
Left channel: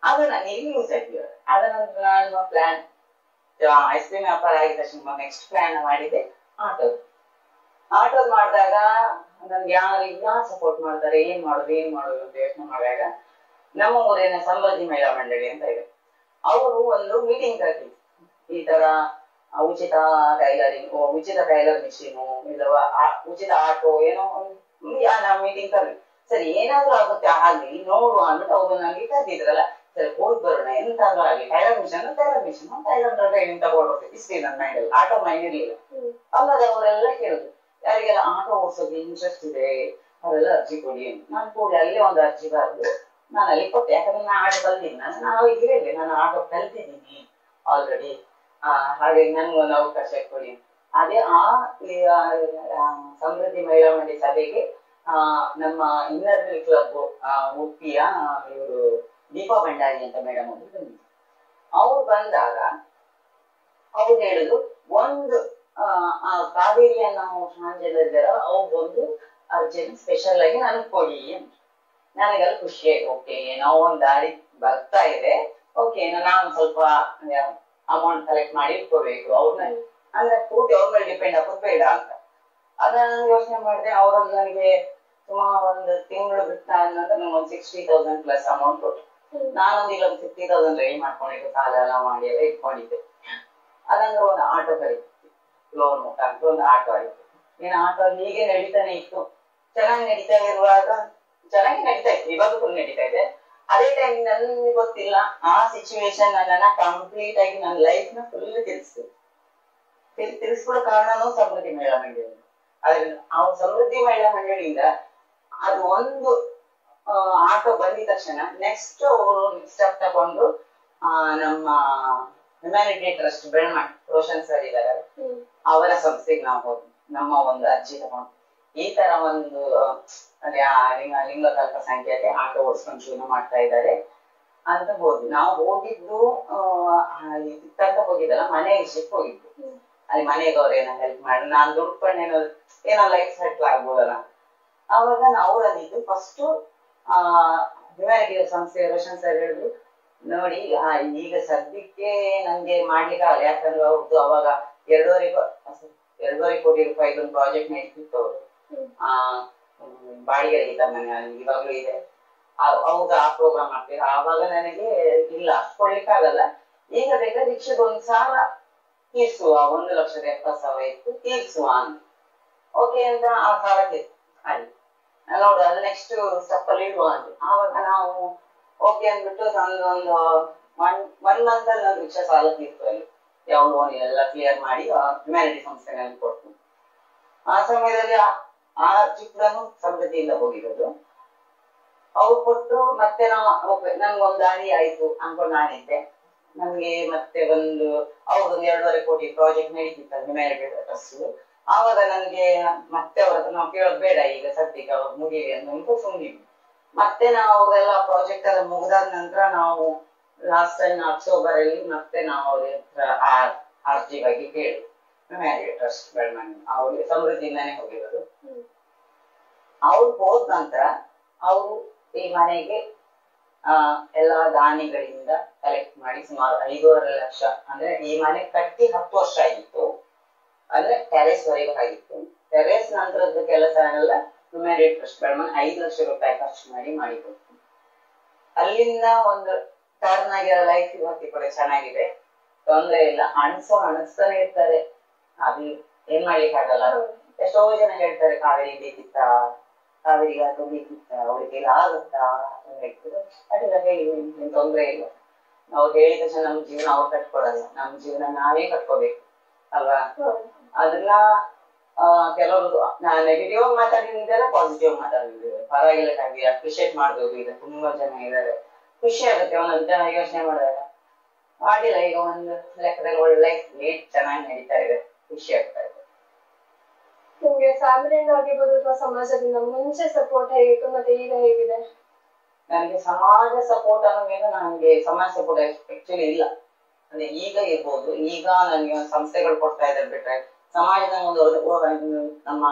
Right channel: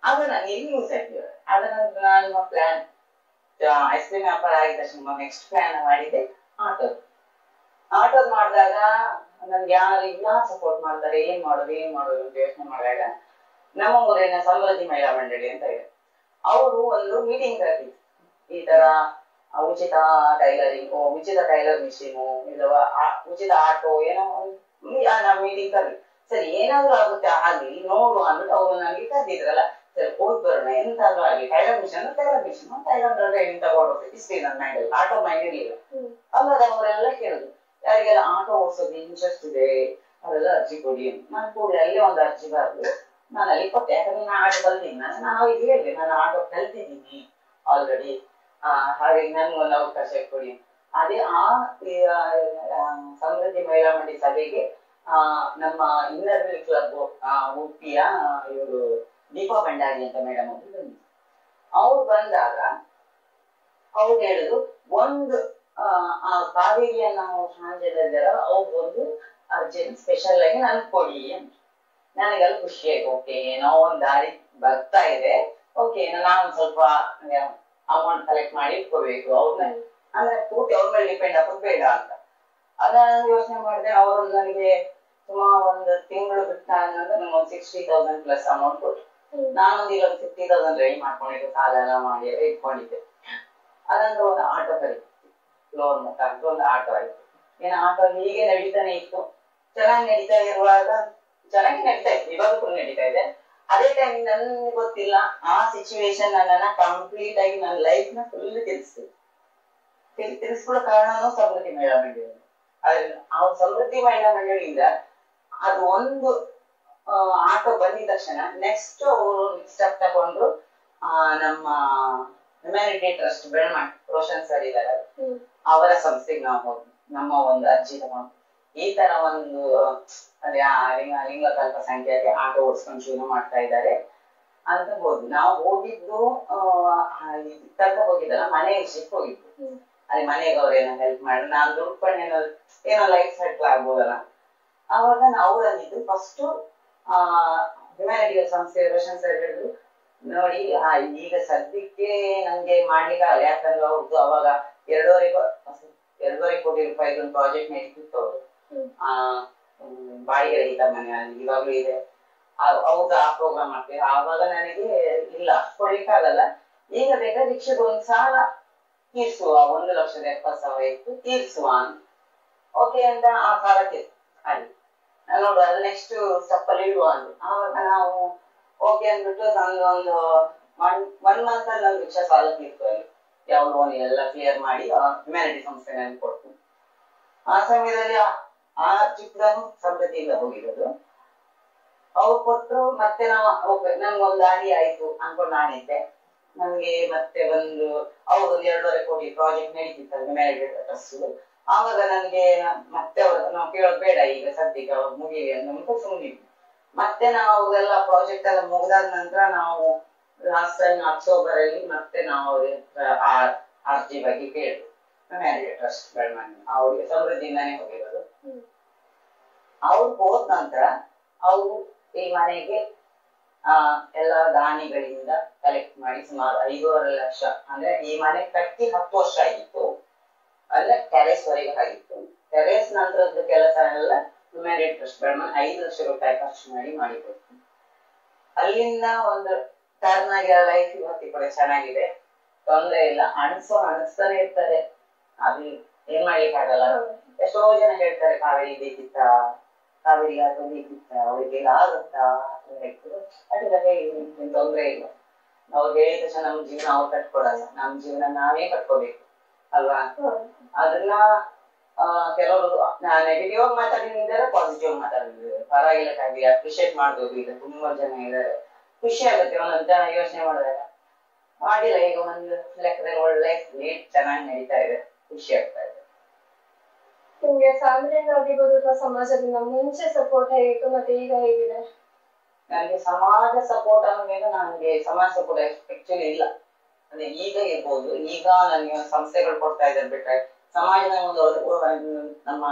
ಅದು ನಂಗೆ ಇಲ್ಲಿ ಯೂಸ್ ಆಗ್ತಿದೆ. ಅದ ನಂತರ ನಾನು ಪ್ಲಾನ್ ಐಸ್ ಕ್ರೀಮ್ ವ್ಯಾಪಾರ ಆಗಿದ ತಕ್ಷಣ ನೆಕ್ಸ್ಟ್ ಪ್ಲಾನ್ ಮಾಡಿದೆ ಆಟೋದ್ ಮಾಡಿದಾಗ ನನ್ಗೆ ಯಾರು ಸಪೋರ್ಟ್ ಮಾಡ್ತಾರೆ, ಏನ್ ಮಾಡೋದು ಅಂತ ಯೋಚನೆ ಮಾಡಿದಾಗ ನಮ್ಮ ಊರಿನ ಸಮೃದ್ಧಿ ಮಹಿಳಾ ಮಂಡಳಿ ಅಂತ ಇದೆ, ಅವರು ಒಂದು ಮೀಟಿಂಗ್ ಕರೆದಿದ್ರು. ಈ ತರ ಉಚಿತ ಟೈಲರಿಂಗ್, ಉಚಿತ ಟೈಲರ್ ಮಿಷಿನು, ಇಲ್ಲವಾ ಉಚಿತ ಆಟೋ ಏನೋ ನಾವು ಮೀಟಿಂಗ್ ಕರೆದ್ವಿ. ಸರಿ ಏನಾದ್ರು ಆಗುತ್ತೆ ಆಗ್ಲಿ ನೋಡುವ ಅಂದ್ಬಿಟ್ಟು ಅವ್ರು ನನಗೆ ಕರೆದಿದ್ರಲ್ಲ, ಸರಿ ಹೋಗಿ ಬರೋಣ ಎಂತಾದ್ರೂ ಆಗ್ಲಿ ಟೈಲರ್ ಮಿಷನ್ ಟೈಲರ್ ಟ್ರೈನಿಂಗ್ ತಗೊಳ್ಬೇಕು ಇಷ್ಟೇ ನನ್ನ ಮೈಂಡಲ್ಲಿ. ಆಟೋ ಮೈಂಡ್ ಇರ್ಲಿಲ್ಲ. ಅವಾಗ ಅವರೆಲ್ಲ ಕೇಳುದು ಯಾರಿಗೆಲ್ಲ ಆಟೋ ಓಡಿಸೋದು ಇಂಟ್ರೆಸ್ಟ್ ಇದೆ ಅವರೆಲ್ಲ ಅರ್ಜಿ ಕೊಡಿ ಅಂತ. ನಾನು ಕೂಡ ಅಲ್ಲೇ ಒಂದು ಅರ್ಜಿ ಬರೆದು ನಾನು ಅಲ್ಲಿ ಕೊಟ್ಟೆ. ಯಾಕಂದ್ರೆ ನಾನು ಆಟೋ ಕಲ್ತಿದ್ದೀನಿ, ನಾನು ಅವ್ರಿಗೆ ಹೇಳಿದೆ ನಾನು ಆಟೋ ಕಲ್ತಿದ್ದೀನಿ ಆಲ್ರೆಡಿ, ಹಾಗಾಗಿ ನನ್ಗೊಂದು ಅವಕಾಶ ಕೊಡಿ. ಅದೇ ಸಮೃದ್ಧಿ ಮಹಿಳಾ ಮಂಡಳಿ ಸಭೆಗೆ ನಮ್ಮ ಇನ್ನರ್ ಕ್ಲಬ್ ಉಡುಪಿಯ ಇವರು ದೀಪಾ ಭಂಡಾರಿ ಅಂತ ಮೇಡಮ್ ಅವರು ಬಂದಿದ್ರು. ಅವ್ರು ಬಂದಾಗ ಅವ್ರು ಹೇಳಿದ್ರು, ಒಂದು ಕಾವೇರಿಯನ್ನ ಟ್ರಾನ್ಸ್ಜೆಂಡರ್ ಅವ್ರಿಗೊಂದು ಅರ್ಜೆಂಟ್ ಸ್ಪೆಷಲ್ ಆಗಿ ನನ್ಗೆ ಕೊಡಿ ಅಂತ. ನನಗೆಲ್ಲ ಖುಷಿ ಆಯ್ತು. ಓಕೆ, ಏನೋ ಒಂದ್ ದಾರಿ ಬರ್ತಾ ಇದೆ, ಓಕೆ ನಾನು ಸ್ವಲ್ಪ ಅಮೌಂಟ್ ಕಲೆಕ್ಟ್ ಮಾಡಿ ಇಟ್ಕೋಬೇಕು, ಅವ್ರನ್ನ ಅಂದ್ರೆ ಪೂರ್ತಿ ಅವ್ರ ಮೇಲೆ ಡಿಪೆಂಡ್ ಆಗೋದು ಬೇಡ ಅಂತ. ಅದನ್ನ ಯೋಚನೆ ಮಾಡಿದೆ. ಅವರೊಂದು ನನಗೆ ಸುಮಾರು ಒಂದು ತಿಂಗಳು ಬಿಟ್ಟ ನಂತರ ನಂಗೆ 60,000 ಪ್ಲಸ್ ಅಮೌಂಟ್ ಕೊಟ್ಟು, ನಾನೊಂದು ಇಲ್ಲ 50,000 ರೆಡಿ ಮಾಡ್ಕೊಂಡಿದ್ದೆ, ಸಾಲ ಎಲ್ಲ ಮಾಡಿ ಎಲ್ಲ ಇಟ್ಕೊಂಡಿದ್ದೆ. ಅದಂದ್ರೆ ಒಂದು ಆಟೋ ಕರೀತಿ, ಲೋನ್ ಮುಖಾಂತರ ಒಂದು ಆಟೋ ಆಯ್ತು. ಏನು ಆಟೋ ಹೀಗೆ ನಡೀತಾನೆ ಇತ್ತು. ಚೆನ್ನಾಗಿ ನಡೀತಾ ಇರುವಾಗ ಚೆನ್ನಾಗಿ ನಡೀತಾ ಇತ್ತು, ಇವಾಗೂ ನಡೀತಾ ಇದೆ. ಅದೇ ಟೈಮ್ ನನ್ಗೆ ಗೊತ್ತಿಲ್ಲ, ಆ ಸಿಚುವೇಶನ್ ನನ್ನನ್ನ ಕಂಪ್ಲೀಟ್ ಆಗಿ ನನ್ನ ಲೈಫ್ ನ ಫುಲ್ ತಿರ್ಸ್ಕೊಳ್ಳೋ ಕಾರಣನೂ ಸಮೃದ್ಧಿ ಮಹಿಳಾ ಮಂಡಳಿ. ಅದ್ರಿಂದ ಆ ಸಮೃದ್ಧಿ ಮಹಿಳಾ ಮಂಡಳಿಯಿಂದ ಅದು ಒಂದು ಆಟೋ ಬಂದಿದ ತಕ್ಷಣ ನೆಕ್ಸ್ಟ್ ಅವರು ಸ್ಟೆಪ್ ತಗೊಂಡ್ರು. ನಮ್ಮ humanity trust Belman Roshan sir ಇದಾರೆ, ಅವರ ಸಂಸ್ಥೆಗೆ ನಾವು ಹೋದ್ವಿ. ನಮ್ಮ ಒಂದು ಅರ್ಜಿ ತಗೊಂಡು ಈ ತರ ಒಂದು ಲಿಂಗಕಲ್ಪ ಸಂಖ್ಯೆಗೆ ಆಟೋ ಓಡಿಸ್ಕೊಂಡು ಶುರು ಮಾಡ್ತಾ ಇದ್ದಾರೆ ಅಂತ ಹೋದ್ವಿ. ನಾವು ಹೋಗಿದ್ದು ಇದಕ್ಕಂತ ಹೋಗಿದ್ದಲ್ಲ, ಮನೆ ವಿಷಯಕ್ಕೆ ಹೋಗಿದ್ದು. ಅಲ್ಲಿ ಮನೆಗೆ ಅವ್ರು ಏನೋ ಹೆಲ್ಪ್ ಮಾಡಿ ನಾನು ದುಡ್ಕೊಂಡು ಏನೋ ಲೈಫ್ ಸೆಟ್ಲ್ ಆಗ್ಬೋದಲ್ಲ. ಅವಾಗ ಅವರಲ್ಲಿದ್ದು ಫಸ್ಟ್ ಹ್ಯುಮ್ಯಾನಿಟಿ ಸಂಸ್ಥೆ ರೋಷನ್ ಸರ್ ಹೇಳಿದ್ರು, ನೋಡಿ ಈಗ ಸದ್ಯಕ್ಕೆ ನಂಗೆ ಮಾಡ್ಲಿಕ್ಕೆ ಆಗಲ್ಲ, ಯಾಕಂದ್ರೆ ಅವ್ರದ್ದು ಅವಾಗ 2.5 ಕೋಟಿ ರೂಪಾಯಿದು ಒಂದು ಪ್ರಾಜೆಕ್ಟ್ ನಡೀತಿತ್ತು. ಅವರು ಬಾಡಿಗೆ ರಹಿತ ಮನೆ ಇವಾಗ್ಲೂ ಇದೆ, ಹೌದು ಆ ಪ್ರೋಗ್ರಾಮ್ ಮಾಡ್ತೀವಿ. ಆವಾಗ ನನಗೆ ಇಲ್ಲ ಕೊಡ್ಲಿಕ್ಕೆ ಆಗಲ್ಲ, ಈಗ ಬೇಕಾದ್ರೆ ರಿಕ್ಷದ ಒಂದು ಸಾಲ ತೀರ್ಸುವ, 1,70,000 ಇತ್ತು ತೀರ್ಸುವ ಅಂತ. ಓಕೆ ಅಂತ ಆ ಸಾಲ ತೀರ್ಸು ಅಲ್ಲಿ ನೋಡು, ಅದು ನೆಕ್ಸ್ಟ್ ಸ್ಟೆಪ್ ಅಲ್ಲಿ ಇಡುವ ಅಂದ್ರು. ಆವಾಗ ನಾವು ಓಕೆ ಅಂದ್ಬಿಟ್ಟು ನಂದೊಂದು 1 ಮಂತ್ ಅಲ್ಲಿ ನಾನು ರಿಕ್ಷಾ ಸಾಲ ತೀರ್ತು. ಅಲ್ಲಿ ಯಾವ ಲೋನ್ ಎಲ್ಲ ಕ್ಲಿಯರ್ ಮಾಡಿ ಹ್ಯುಮ್ಯಾನಿಟಿ ಸಂಸ್ಥೆಗೆ ಕೊಟ್ಟು, ಆ ಸಮಯದಲ್ಲಿ ಆ ಚಿತ್ರನು ಸಮೃದ್ಧಿಯಿಂದ ಹೋಗಿರೋದು. ಅವ್ರು ಕೊಟ್ಟರು. ಮತ್ತೆ ನನ್ಗೊಂದು ದಾರಿ ಆಯ್ತು ಅನ್ಕೊಂಡು ನಾನಿದ್ದೆ. ನನ್ಗೆ ಮತ್ತೆ ಅವ್ರೊಂದು 2.5 ಕೋಟಿ ಪ್ರಾಜೆಕ್ಟ್ ನಡೀತಿತ್ತು ಹ್ಯುಮ್ಯಾನಿಟಿ ಟ್ರಸ್ಟ್. ಆವಾಗ ನನ್ಗೆ ಮತ್ತೆ ಅವ್ರ ಹತ್ರ ನಾವು ಕೇಳೋದು ಬೇಡ, ಈಗ ಸದ್ಯಕ್ಕೆ ಅವ್ರು ಮುಗಿಲಿ ಅಂತ ಸುಮ್ಮನಿದ್ವಿ. ಮತ್ತೆ ನಾವು ಅವ್ರೆಲ್ಲ ಪ್ರಾಜೆಕ್ಟ್ ಎಲ್ಲ ಮುಗಿದಾದ ನಂತರ ನಾವು ಲಾಸ್ಟ್ ಟೈಮ್ ಅಕ್ಟೋಬರ್ ಅಲ್ಲಿ ಮತ್ತೆ ನಾವು ಅವ್ರ ಅರ್ಜಿ ಬಗ್ಗೆ ಕೇಳಿದ್ವಿ. ಹ್ಯುಮ್ಯಾನಿಟಿ ಟ್ರಸ್ಟ್ ಬೆಳ್ಮಣ್ ಅವ್ರಿಗೆ ಸಮೃದ್ಧಿಯಿಂದಾನೇ ಹೋಗಿರೋದು. ಅವ್ರು ಹೋದ ನಂತರ ಅವರು ಈ ಮನೆಗೆ ಎಲ್ಲಾ ದಾನಿಗಳಿಂದ ಕಲೆಕ್ಟ್ ಮಾಡಿ ಸುಮಾರು 5.5 ಲಕ್ಷ, ಅಂದ್ರೆ ಈ ಮನೆ ಕಟ್ಟಿ 10 ವರ್ಷ ಆಗಿತ್ತು, ಅಂದ್ರೆ ಟೆರೇಸ್ ವರೆಗೂ ಆಗಿತ್ತು. ಟೆರೇಸ್ ನಂತರದ ಕೆಲಸ ಎಲ್ಲ ಹ್ಯುಮ್ಯಾನಿಟಿ ಟ್ರಸ್ಟ್ ಬೆಳ್ಮಣ್ 5 ಲಕ್ಷ ರೂಪಾಯಿ ಖರ್ಚು ಮಾಡಿಕೊಡ್ತು. ಅಲ್ಲಿಂದ ಒಂದು ಟರ್ನ್ ಆಗಿರೋ ಲೈಫ್ ಇವತ್ತಿ ಕೂಡ ಚೆನ್ನಾಗಿದೆ, ತೊಂದರೆ ಇಲ್ಲ. ಅಣಿಸ್ತಾನೆ ಇರ್ತಾರೆ, ಅದು ಏನ್ ಮಾಡ್ಲಿಕ್ಕೆ ಆಗಲ್ಲ. ಎಷ್ಟೋ ಜನ ಹೇಳ್ತಾರೆ ಕಾವೇರಿ ಬೇಕಿತ್ತ, ಕಾವೇರಿಗೆ ಆಟೋ ಬೇಕಿತ್ತ, ಅವಳಿಗೆಲ್ಲ ಆಗುತ್ತಾ ಹೇಳ್ತಾರೆ. ಅದಿಲ್ಲ, ಹೇಳಿ ಏನ್ ತೊಂದರೆ ಇಲ್ಲ. ನಾವು ಹೇಳಿದ ತಕ್ಷಣ ನಮ್ ಜೀವನ ಅವ್ರು ಕಟ್ಕೊಡಲ್ಲ, ನಮ್ ಜೀವನ ನಾವೇ ಕಟ್ಕೋಬೇಕು ಅಲ್ವಾ. ಅದನ್ನ ಕೆಲವರು ನೆಗೆಟಿವ್ ಆಗಿ ಮಾತಾಡಿದ್ದಾರೆ, ಪಾಸಿಟಿವ್ ಮಾತಾಡಿದ್ದಾರೆ. ಪರವಾಗಿಲ್ಲ ಕಾವ್ಯ, ಅಪ್ರಿಶಿಯೇಟ್ ಮಾಡ್ಬೋದು. ಈಗ ತುಂಬಾ ಜನ ಇದ್ದಾರೆ, ಖುಷಿ ಆಗುತ್ತೆ ಒಂದೊಂದು ಜನ ಯೋಚನೆ ಮಾಡಿದಾಗ. ಮಾಡಿಲ್ಲ, ಈಗ ಒಂದು ಲೆಕ್ಕದಲ್ಲಿ ಒಳ್ಳೆ ಲೈಫ್ ಚೆನ್ನಾಗಿ ನಡೀತಾ ಇದೆ, ಖುಷಿ ಆಗ್ತಾ ಇದೆ. ನಿಮ್ಗೆ ಫ್ಯಾಮಿಲಿಯಿಂದ ಆಗಿರ್ಬೋದು ಅಥವಾ ಸಮಾಜದಿಂದ ಮುಂಚೆ ಸಪೋರ್ಟ್ ಹೇಗಿತ್ತು ಮತ್ತೆ ಈಗ ಹೇಗಿದೆ? ನನಗೆ ಸಮಾಜ ಸಪೋರ್ಟ್ ಅನ್ನೋದೇನು, ನನಗೆ ಸಮಾಜ ಸಪೋರ್ಟ್ ಆಕ್ಚುಲಿ ಇಲ್ಲ. ಅಂದ್ರೆ ಈಗ ಇರ್ಬೋದು, ಈಗ ನನಗೆ ಸಂಸ್ಥೆಗಳು ಕೊಡ್ತಾ ಇದ್ದಾರೆ ಬಿಟ್ರೆ ಸಮಾಜದ ಒಂದು ನಮ್ಮ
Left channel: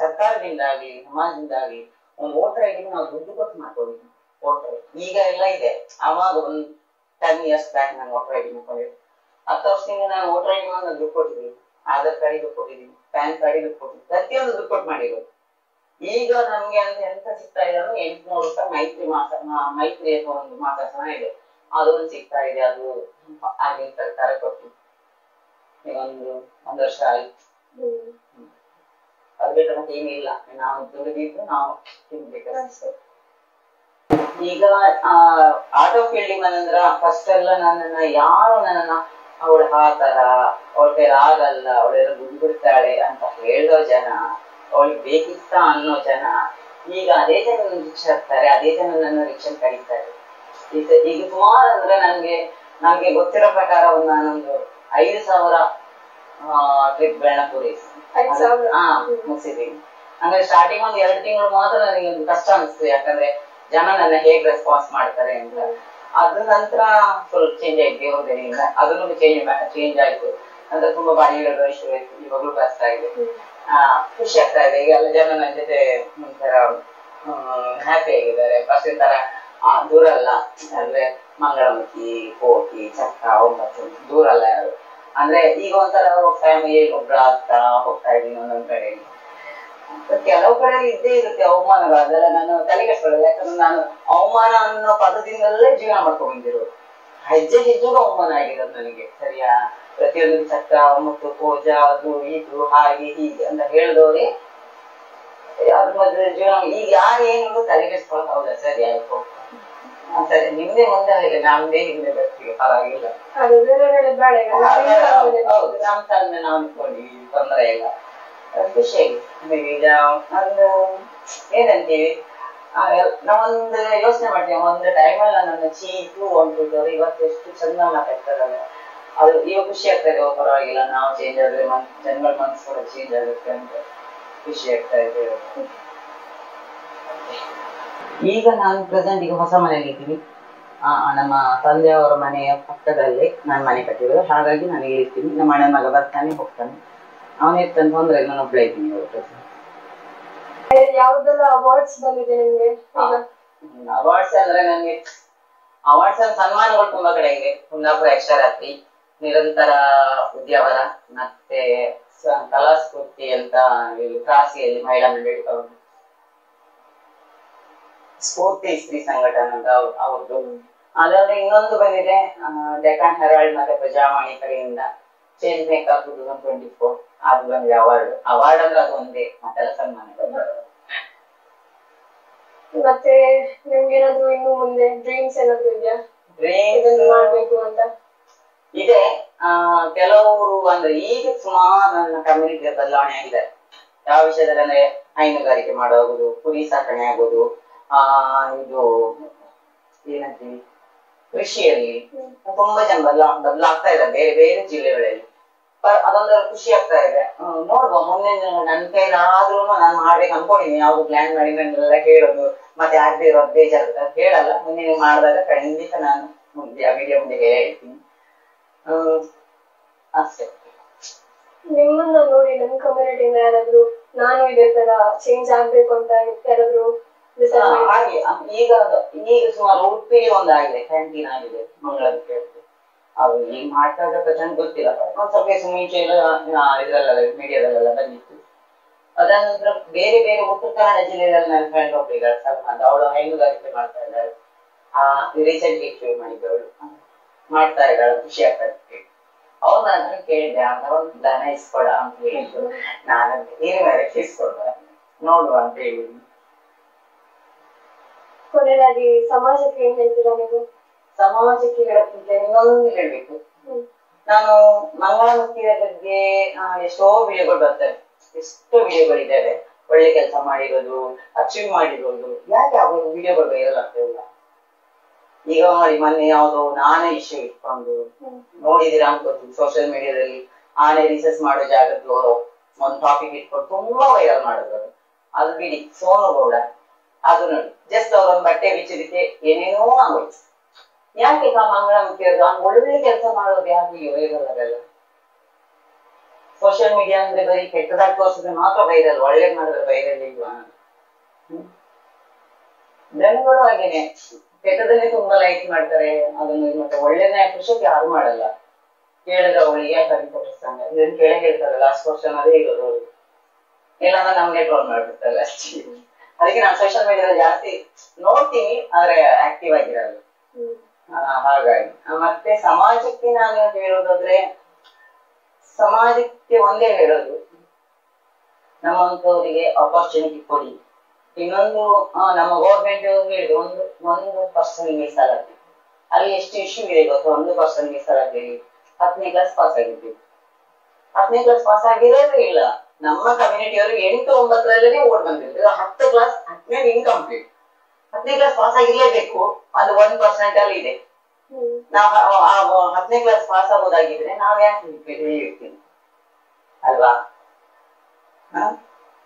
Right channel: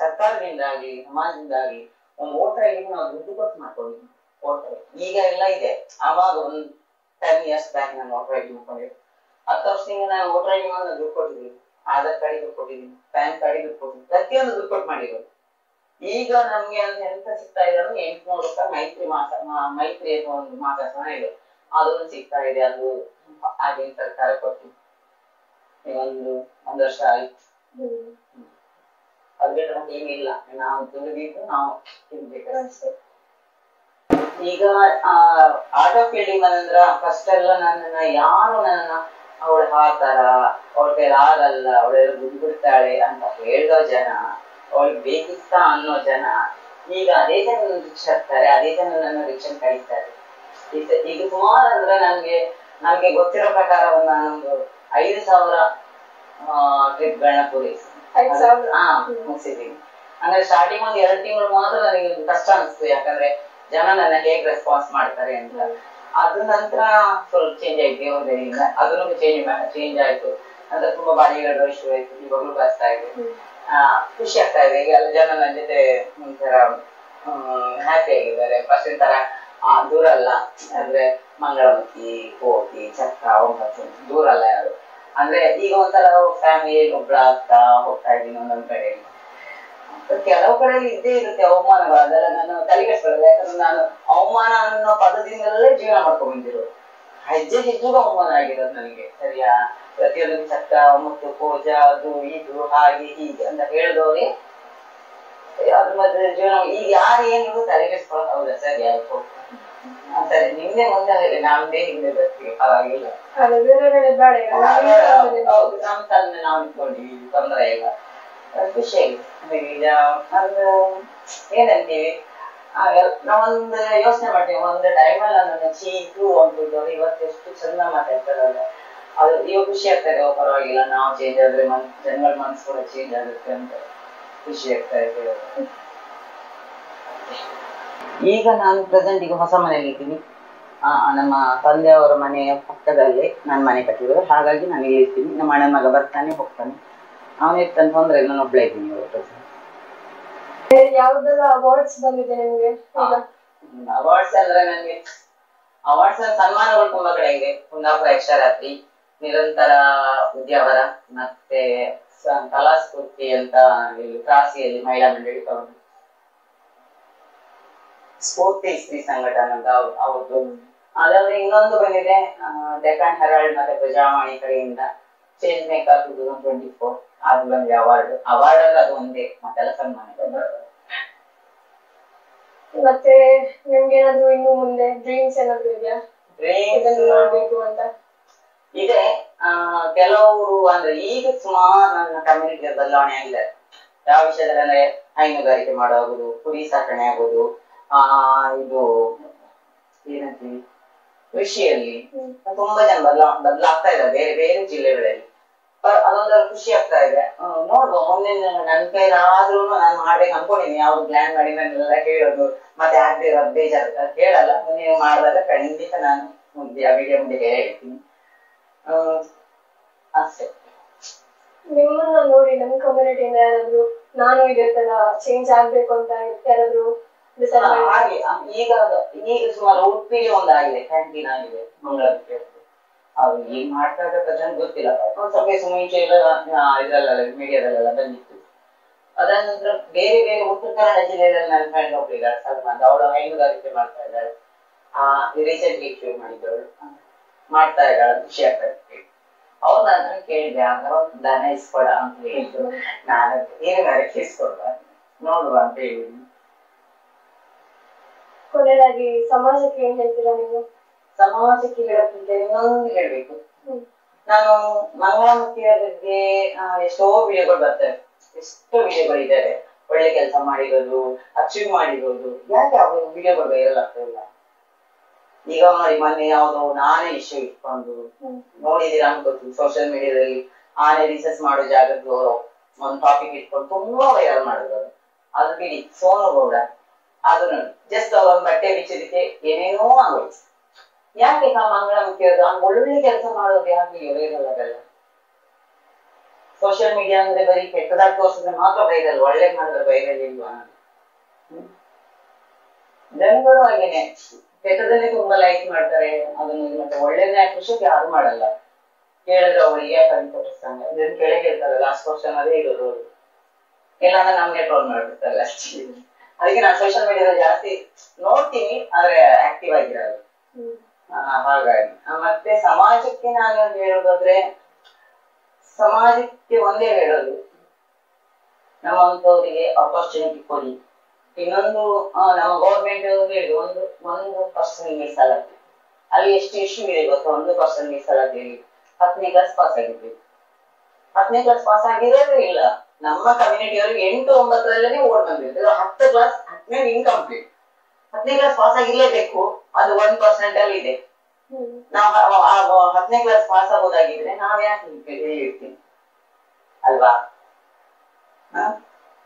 ಸರ್ಕಾರದಿಂದಾಗ್ಲಿ ಸಮಾಜದಿಂದಾಗ್ಲಿ ಒಂದು ವೋಟರ್ ಐಡಿ ನಾವು ದುಡ್ಡು ಕೊಟ್ಟು ಮಾಡ್ಕೊಂಡಿದ್ವಿ. ವೋಟರ್ ಈಗ ಎಲ್ಲ ಇದೆ, ಅವಾಗ ಒಂದು 10 years ಬ್ಯಾಕ್ ನಾನು ವೋಟರ್ ಐಡಿ ಮಾಡ್ಕೊಂಡಿದ್ದೆ. 10 ವರ್ಷದಿಂದ ನಾನು ವೋಟರ್ ಐಡಿ ಮಾಡಿ ದುಡ್ಡು ಕೊಟ್ಟಿದ್ದೀನಿ, ಆಧಾರ್ ಕಾರ್ಡಿಗೆ ದುಡ್ಡು ಕೊಟ್ಟಿದ್ದೀನಿ, ಪ್ಯಾನ್ ಕಾರ್ಡಿಗೆ ದುಡ್ಡು ಕೊಟ್ಟಿದ್ದೀನಿ, ಪ್ರತಿಯೊಂದು ದುಡ್ಡು ಕೊಟ್ಟು ಮಾಡಿರೋದು. ಈಗ ನಮ್ಗೆ ಅಂತ ಎಂತ ಸಿಗ್ತಾ ಇದೆ ಅಂದ್ರೆ 800 ರೂಪಾಯಿ ಮೈತ್ರಿ ಅಥವಾ ಒಂದು ಮಾಸಾಸನ ಇದೆ, ಅದೊಂದು ಸಿಗ್ತಾ ಇದೆ. ಅದು ಆಗಿನ ಸರ್ಕಾರ ಕೊಟ್ಟು ಈಗ ಒಂದು ವರ್ಷ ಆಯ್ತು. ಅದು ಬಿಟ್ಟರೆ ಮತ್ತೆ ಏನಿಲ್ಲ, ನಾವು ದುಡಿದಿದ್ದು ನಾವು ತಿನ್ಬೇಕಷ್ಟೇ. ಈಗ ಆಟೋ ಫೀಲ್ಡಿಂಗ್ ಬಂದ್ರ ಫಸ್ಟ್ ಎಲ್ಲ ನನ್ನನ್ನ ಅವಳ ಆತರ, ಅವಳ ಕೈಲಿ ಆಗಲ್ಲ, ಅವಳೆಲ್ಲ ದುಡ್ಡು ಬಿಡ್ತಾಳೆ ಅಂತ ಹೇಳೋ ಜನ, ಅವಳಿಗೆ ಬೇಕಿತ್ತ ಅನ್ನೋ ಜನ ಈಗ ಅದೇ ಜನ ರಿಕ್ಷಾ ಇರ್ತಾರೆ, ಅದೇ ಜನ ನನ್ನ ರಿಕ್ಷಾ ಕರೀತಾರೆ. ಈಗ ಸುಮಾರು ಅಂದ್ರೆ ನಮ್ಗೆ ಗೊತ್ತಿರೋ ಪ್ರಕಾರ ನಾನೊಂದು 5,000 ಟ್ರಿಪ್ಗಳನ್ನ ಪೂರೈಸಿ ಮುಗಿಸಿದೀನಿ. ಅಂದ್ರೆ ಸ್ಟಾರ್ಟಿಂಗ್ ಒಂದ್ 2 ತಿಂಗಳು ಮಾತ್ರ ನನಗೆ ಕಷ್ಟ ಅನಿಸ್ತು, ಯಾಕಂದ್ರೆ ಜನ ನನ್ನ ಹೇಗ್ ರೆಸ್ಪಾನ್ಸ್ ಮಾಡ್ತಾರೆ ಅಂತ. ಅದ್ರ ನಂತರ ಫುಲ್ ಚೇಂಜ್ ಆಯ್ತು, ದೇವರಿಂದ ಅದನ್ನು ಚೇಂಜ್ ಆಯ್ತು. ಅಂದ್ರೆ ತುಂಬಾ ಬಾಡಿಗಳು ಇಶ್ಯೂ ಆಯ್ತು, ಇವಾಗ್ಲೂ ಕಷ್ಟ ಇದೆ. ಖುಷಿ ಆಗ್ತಾ ಇದೆ. ಈಗ ಎಲ್ಲ ಜನ ನನ್ನ ಜೊತೆ ಒಂಥರ ಹ್ಯಾಪಿ ಆಗಿದ್ದಾರೆ. ಫಸ್ಟ್ ತರ ದೂರ ಅಲ್ಲ, ಅಂದ್ರೆ ಮಂಗಳಮುಖಿ, ಕೋಟಿ, ಚಕ್ಕ, ಒಂಬತ್ತು ದೂರ ಅಲ್ಲ ಯಾರು. ಅಂದ್ರೆ ಈಗ ಒಂಥರ ಫ್ಯಾಮಿಲಿ ಒಬ್ರ ಆಗ್ತಾ ಹೋಗ್ತಾ ಇದ್ದೀನಿ ಒಂದೊಂದ್ ಕಡೆ. ಕೆಲವು ಕಡೆಯಲ್ಲಿ ಇದ್ದೇ ಇರುತ್ತೆ ಅವಮಾನಗಳು, ಅದೆಲ್ಲ ನಾನು ತಲೆಗೆಡ್ಸ್ಕೊಳ್ಳೋದು. ಯಾಕಂದ್ರೆ ನಾನು ಅವಮಾನ ಅನ್ನೋ ಪದದಿಂದಲೇ ಜೀವನ ಮಾಡ್ಕೊಂಡ್ ಬಂದಿರೋದು. ಹೆಜ್ಜೆ ಹೆಜ್ಜೆಗೂ ಅವಮಾನ ಆಗಿರೋದು ನನಗೆ, ಸರಿಯಾ? ಪ್ರತಿಯೊಂದು ಚಕ್ಕ, ಮತ್ತು ಪೂಜಾ, ಅದು ಇದು ಹಾಗೆ ಹೀಗೆ ಅಂತ ಹೇಳಿದವ್ರೆ ಅದ್ರ ಮಧ್ಯೆ ಜೀವನ. ಈಗ ಯಾರು ಏನು ತಲೆಗೆಡ್ಸ್ಕೊಳ್ಳೋದು, ಹೌದಾ ಸರಿ ಆಯ್ತು ಸರಿ, ನಿಮ್ದೇ ಮುಂದೆ ಹೇಳಿ, ನಮ್ದೇ ಹಿಂದೆ ಬರ್ತೀವಿ, ಪರವಾಗಿಲ್ಲ. ಹೌದು, ನಮ್ ಕಾಲದಿಂದ ನಾವು ನಿಂತ್ಕೊಂಡಿವಿ, ತೊಂದರೆ ಇಲ್ಲ, ಖುಷಿಯಾಗಿ. ಈಗ ಒಂದು ಏನಂತೀವಿ, ನಾವೊಂದು ಯೋಚನೆ ಮಾಡ್ತೀವಿ, ಒಂದು ಟೈಮಲ್ಲಿ ನನ್ನ ಚೀತು ಅಂತಿದ್ದವ್ರು ಇವತ್ತು ಎಷ್ಟು ಚಂದ ಮಾತಾಡ್ತಾರಲ್ಲ, ಅದು ಇವಾಗ ಖುಷಿ ಆಗ್ತದೆ. ಪರವಾಗಿಲ್ಲ, ನಾವು ಚೇಂಜ್ ಆದ್ರೆ ಜನಗಳ ಮನಸ್ಸು ಕೂಡ ಚೇಂಜ್ ಆಗುತ್ತೆ ಅಂತ ಖುಷಿ ಆಗ್ತಾ ಇದೆ. ಈಗ ನಾನು ಪ್ರೆಸೆಂಟ್ ಈಗ ಹೊಸ ಮನೆಯಲ್ಲಿ ಇದ್ದೀನಿ. ನಮ್ಮ ತಂದೆಯವರ ಮನೆಯ ಪಕ್ಕದಲ್ಲೇ ನಾನು ಮನೆ ಕಟ್ಟಿರೋದು, ಹಾಗಾಗಿ ನನಗೆ ಇರ್ತೀನಿ. ನಮ್ಮ ಅಣ್ಣನ ಮಗ ಬರ್ತಾನೆ ಹೋಗ್ತಾನೆ, ಅವನಿರ್ತಾನೆ, ತೊಂದ್ರೆ ನಾನು ಒಬ್ಬಳೇ ಇದ್ದೀನಿ. ಯಾವ್ದೆಲ್ಲ ಅವಾರ್ಡ್ಸ್ ಬಂದಿದೆ ನಿಮ್ಗೆ? ಅವಾರ್ಡ್ಸ್ ಅಂದ್ರೆ ನನಗೆ ಅವಾರ್ಡ್ಸ್ ಅಂದ್ರೆ ಸನ್ಮಾನಗಳು ತುಂಬಾ ಕಡೆ ಇದೆ. ಕುಂದಾಪುರ ಯಕ್ಷರಾತ್ರಿ, ನಿರಂತರ ಉದ್ಯಾವರ, ಮತ್ತೆ ಕಲಾಸ್ಫೂರ್ತಿ ಅಂತ ಕ್ರಾಸಿಯಲ್ಲಿ ಮಹಿಳಾ ಮಂಡಳಿ ಅವರು, ಸ್ಫೂರ್ತಿ ಸ್ತ್ರೀ ಸಂಘಟನೆ ಅಂತ ಅವ್ರದ್ದು. ಅದಾದ್ರೆ ಇನ್ನೊಂದು ಬಂದಿದೆ ಡೆಕ್ಕನ್ ಹೆರಾಲ್ಡ್ ಮತ್ತೆ ಪ್ರಜಾವಾಣಿ ಕಡೆಯಿಂದ ಚೇಂಜ್ ಮೇಕರ್ 2024 ಅದು ಬಂದಿದೆ ಅವಾರ್ಡ್. ಅಂದ್ರೆ ಅದು ಒಂದೇ, ಮತ್ತೆಲ್ಲ ಸನ್ಮಾನ. ಮತ್ತೆ ನಿಮ್ಗೇನಾದ್ರು ಇನ್ನು ಮುಂದೆ ಡ್ರೀಮ್ಸ್ ಏನಾದ್ರು ಇದೆಯಾ? ಮಾಡ್ಬೇಕು ಅಂತ ಇದೆ. ಕೆಲವರು ಅಂದ್ರೆ ಈಗ ಸುಮಾರು ನನ್ನ ಕಮ್ಯುನಿಟಿ ಬದಲಾವಣೆ ಆಗಿದೆ. ಯಾವ ವಿಷಯದಲ್ಲಿ ಅಂದ್ರೆ ಹೈನುಗಾರಿಕೆ ಮಾಡೋದು, ಕುರಿ ಸಾಕಣೆ ಆಗೋದು, ಇದು ಏನಂತೀವಿ ಕೃಷಿಯಲ್ಲಿ ತುಂಬಾ ಜನ ಬದಲಾಗ್ತಾ ಇದ್ದಾರೆ ಬೇರೆ ಬೇರೆ ಜಿಲ್ಲೆಗಳಲ್ಲಿ. ಅದೊಂದು ಖುಷಿ ಆಗ್ತಾ ಇದೆ. ನೋಡುವ ಮುಂದೆ ನನ್ನ ಕೈಲಾದ್ರೂ ನಾನು ಮಾಡ್ಬೇಕು ಅನ್ಕೊಂಡಿದ್ದೀನಿ. ಯಾವ್ದು ಪ್ಲಾನ್ ಮಾಡಿ ನಾನೆಲ್ಲ ಹೇಳೋದು ಮತ್ತೆ ಆಗದೆ ಇರೋದು ಬೇಜಾರು ಹೇಳಲ್ಲ. ಮುಂದೆ ಮಾಡಿದಾಗ ಖಂಡಿತ ನಾನು ವಿಡಿಯೋ ಮುಂದೆ ಹೇಳ್ತೀನಿ ಅಷ್ಟೇ. ನಿಮ್ಮನ್ನ ನೋಡಿ ನಮ್ಮ ಕಮ್ಯುನಿಟಿಯಿಂದ ಯಾರಾದ್ರು ನಾನು ಇದೇ ತರ ಚೇಂಜ್ ಆಗ್ಬೇಕು ಅಂತ ಯಾರಾದ್ರು ಹಾಗೆ ಈಗ ಸುಮಾರು ಉಡುಪಿಲಿ ಒಂದಾಗಿದೆ, ಕ್ಯಾಂಟೀನ್ ಆಗಿದೆ ಮಂಗಳೂರಿಗೆ. ಅವ್ರು ಈಗ ಮಾಡ್ತಾ ಇದ್ದ ಪ್ರಜೆಂಟ್ ಗೊತ್ತಿಲ್ಲ, ಒಂದ್ ಸ್ವಲ್ಪ ಮುಂಚೆ ಇದ್ರಲ್ಲ ಮೀಡಿಯಾದಲ್ಲೆಲ್ಲ ಬಂದಿತ್ತು. ಅದಾನಂತರ ಬೇರೆ ಬೇರೆ ಉತ್ತರ ಕನ್ನಡ ಜಿಲ್ಲೆಯಲ್ಲಿ ನನ್ನ ಫ್ರೆಂಡ್ ಒಬ್ಬರಿದ್ದಾರೆ ಸಲ್ಮಾನ್, ಅವಳು ಹೈನುಗಾರಿಕೆ ಮಾಡ್ತಾ ಇದ್ದಾಳೆ. ರೀಸೆಂಟ್ ಇಶ್ಯೂ ಮಾಡಿದ್ದವಳು ಮಾಡ್ತಾ ಇದ್ದಾಳೆ, ಖುಷಿ ಆಗ್ತಾ ಇತ್ತು. ಅವ್ರು ನನ್ನ ಕೇಳಿದೆ, ಆಗ ಒಂದು ದನ ಇಸ್ಕೊಡ ಅಂತ ಹೇಳಿದ್ರು. ನಾನು ಹೀರಿನಕ್ಕೆ ಇಸ್ಕೊಡುವ ನೋಡುವ ಅಂತ ಹೇಳಿದ್ವಿ. ಕೊನೆಯದಾಗಿ ಸಮಾಜಕ್ಕೆ ಏನ್ ಹೇಳ್ತೀರಾ ನೀವು? ಸಮಾಜಕ್ಕೆ ಹೇಳಕ್ಕಿಂತ ಇನ್ನೊಂದು ಹೇಳ್ಬೇಕು. ನಾನು ಮಂಗಳಮುಖಿಯ ಬಗ್ಗೆ ಎಷ್ಟೋ ವಿಡಿಯೋಗಳು ಬರ್ತವೆ, ಎಷ್ಟೋ ವಿಡಿಯೋಗಳಿದ್ದಾವೆ. ಒಳ್ಳೆ ಕೆಲಸ ಮಾಡಿರೋದು, ಅಚೀವ್ ಮಾಡಿರೋದು, ಯಾಕೆ ಅವ್ರು ವಿಡಿಯೋಗಳು ವೈರಲ್ ಆಗ್ತಾ ಇಲ್ಲ? ಈಗ ನೋಡಿ, ಮೊನ್ನೆ ಯಾವ್ದು ಆನೆ ಇಶ್ಯೂ ಇಟ್ಕೊಂಡು ನೋಡಿದೀರಾ ಅನ್ಕೋತೀನಿ ಸೋಷಿಯಲ್ ಮೀಡಿಯಾದಲ್ಲಿ. ಆನೆ ರಿಸರ್ಚ್ ಮಾಡೋ ಜಾಗದ್ದು ಒಂದು ಟಾಪಿಕ್ ಇಟ್ಕೊಂಡು ತುಂಬಾ ವೈರಲ್ ಮಾಡಿದ್ರು. ಅದು ಬಿಡಿ, ಸೋನು ಗೌಡ ಅದು ನೋಡಿ, ಜಸ್ಟ್ ಅವ್ರೊಂದು ಬಟ್ಟೆ ಬಿಚ್ಚಿದಕ್ಕೆ ಏನೇನೋ ಆಗೋಯ್ತು. ಯಾಕೆ ಮಂಗಳಮುಖಿಯದು ಒಳ್ಳೊಳ್ಳೆ ಕೆಲಸ ಮಾಡೋದು ಯಾಕೆ ವೈರಲ್ ಆಗಲ್ಲ? ಸೋಷಿಯಲ್ ಮೀಡಿಯಾ ಅಂದ್ರೆ ಬರೀ ಕೆಟ್ಟದಾಗಿ ತೋರಿಸಿದ್ರೆ ಮಾತ್ರ ವೈರಲ್, ಒಳ್ಳೇದ್ ಮಾಡಿದ್ರೆ ವೈರಲ್ ಇಲ್ವಾ? ಜನಗಳು ಹಾಗೇನೆ ಕೆಟ್ಟದನ್ನೇ ತುಂಬಾ ಲೈಕ್ ಮಾಡ್ತಾರೆ, ಅದನ್ನು ಮತ್ತೆ ಒಳ್ಳೇದನ್ನೇ ಅಪ್ರಿಷಿಯೇಟ್ ಯಾರು ಮಾಡಲ್ಲ. ಕೇಳಿದ್ರೆ ಅವಳಿಗೆ ಯಾಕೆ ಅನ್ಕೊಟ್ಟಿರ್ತಾನೆ, ಇದನ್ನ ಕೇಳೇ ಹೇಳ್ತಾರೆ. ಲಾಸ್ಟ್ ವರ್ಷನ್ ಅದೇ ಇರೋದು ಅವ್ರು, ಇಲ್ಲಾಂದ್ರೆ ನಮ್ಗೆ ಟ್ರೋಲ್ ಮಾಡ್ಬಿಡ್ತಾರೆ ಅಷ್ಟೇ. ಅದಕ್ಕೆ ನಾನು ಸೋಷಿಯಲ್ ಮೀಡಿಯಾದಲ್ಲಿ ಜಾಸ್ತಿ ನೋಡ್ತೀನಿ, ಆದ್ರೆ ಆಕ್ಟಿವ್ ಆಗಿರಲ್ಲ. ಹಾಗಾಗಿ ಮತ್ತೆ ಸಮಾಜಕ್ಕೆ ನಾನು ಹೇಳೋದಾದ್ರೆ, ಸಮಾಜಕ್ಕೆ ಒಂದೇ ಹೇಳೋದು, ನಮ್ಮಂತವರಿಗೆ ಅಪರ್ಚುನಿಟಿ ಕೊಡಿ. ಇನ್ನೊಂದು ನಮ್ಮ ಗೌರ್ಮೆಂಟ್ ಹೇಳಿದ್ರು, ಒಂದು ಪರ್ಸನ್ ಮೀಸಲಾತಿ. ಅಲ್ಲಿ ಎಷ್ಟು ಇಶ್ಯೂ ಇದೆ ಗೊತ್ತು? 1% ಮೀಸಲಾತಿ. 10ನೇ ಕ್ಲಾಸ್ ಪಾಸ್ ಆಗಿದ್ವಿ, 10ನೇ ಕ್ಲಾಸ್ ಪಾಸ್ ಆಗಿರೋದೇ ಇಲ್ಲ. ನಮ್ಮ ಕಮ್ಯುನಿಟಿಯವರು 8, 9ರಲ್ಲೇ ಓಡ್ ಬಂದಿದ್ರು. 10 ಕ್ಲಾಸ್ 10ನೇ ಇನ್ಕಂಪ್ಲೀಟ್. 10ನೇ ಕ್ಲಾಸ್ ಪಾಸ್ ಆಗಿರ್ಲೇಬೇಕು, ಅದು 1% ಅಲ್ಲಿ ಇದೆ. ನಾವು 10ನೇ ಕ್ಲಾಸ್ ಪಾಸ್ ಆಗೋದಾಗಿದ್ರೆ ನಾವ್ ಯಾಕೆ ಹೇಳ್ತೀನಿ ಅಲ್ವಾ?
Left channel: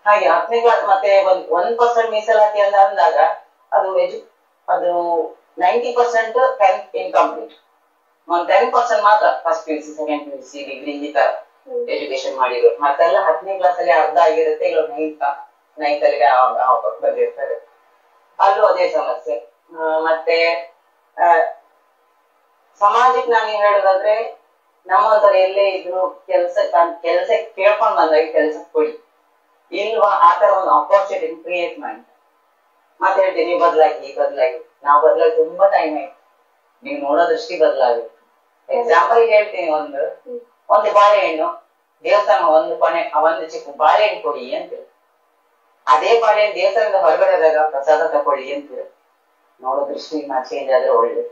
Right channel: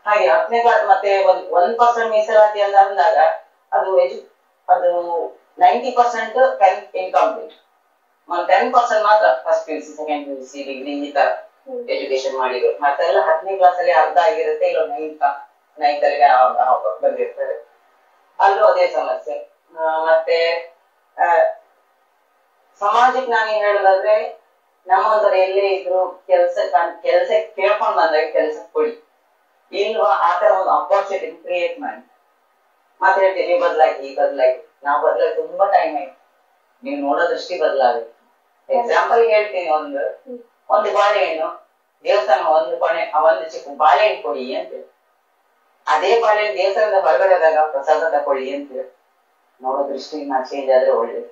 ಹಾಗೆ 10ನೇ ಕ್ಲಾಸ್ ಮತ್ತೆ 1% ಮೀಸಲಾತಿ ಅಂತ ಅಂದಾಗ ಅದು 90% 10th ಇನ್ಕಂಪ್ಲೀಟ್. 10% ಮಾತ್ರ first PUC, second PUC, degree ಈ ತರ ಎಜುಕೇಶನ್ ಮಾಡಿದ್ರು. ಮತ್ತೆಲ್ಲ 10ನೇ ಕ್ಲಾಸ್ ಅಲ್ಲಿ ಅರ್ಧ ಆಗಿರುತ್ತೆ, ಇಲ್ಲ 9th ಅಲ್ಲಿ ಬಂದಿರ್ತಾರೆ. ಅಲ್ಲೂ ಅದೇ ಸಮಸ್ಯೆ. ಮತ್ತೆ ಸಮಾಜಕ್ಕೆ ನಾನು ಹೇಳೋದಾದ್ರೆ, ನಮ್ಮಂತವ್ರು ಎಲ್ಲೇ ಇದ್ರು ಕೆಲ್ಸ ಕೇಳ್ಕೊಂಡ್ ಬಂದಾಗ ಕೆಲ್ಸ ಕೊಡಿ, ಇಲ್ವಾ ಆತರ ಒಂದು ಅಪರ್ಚುನಿಟಿ ಕ್ರಿಯೇಟ್ ಮಾಡಿ. ಮತ್ತೆ ಹೇಳ್ತೀನಿ, ಬದಲಾಗಿ ನಾವು ಬದಲಾಗಿ ತುಂಬಾ ಟೈಮ್ ಆಯ್ತು. ನೀವು ನೋಡೋ ದೃಷ್ಟಿ ಬದಲಾಗುತ್ತೆ. ಎಕ್ಸಾಂಪಲ್ ಹೇಳ್ತೀನಿ, ಒಂದು ಬಾಳೆಹಣ್ಣು ದೇವಸ್ಥಾನ ಒಂದು ಚಿಕ್ಕ ಬಾಳೆಹಣ್ಣು ಕೊಡಿ ಅಂತ, ಅದೇ ಬಾಳೆಹಣ್ಣು ದೇವಸ್ಥಾನದ ಹೊರಗಡೆ ಆದಾಗ ಪ್ರಸಾದ ತಕೊಳ್ಳಿ ಅಂತ ನೋಡೋ ದೃಷ್ಟಿ ಚೇಂಜ್ ಆದ್ರೆ ಒಳ್ಳೇದು.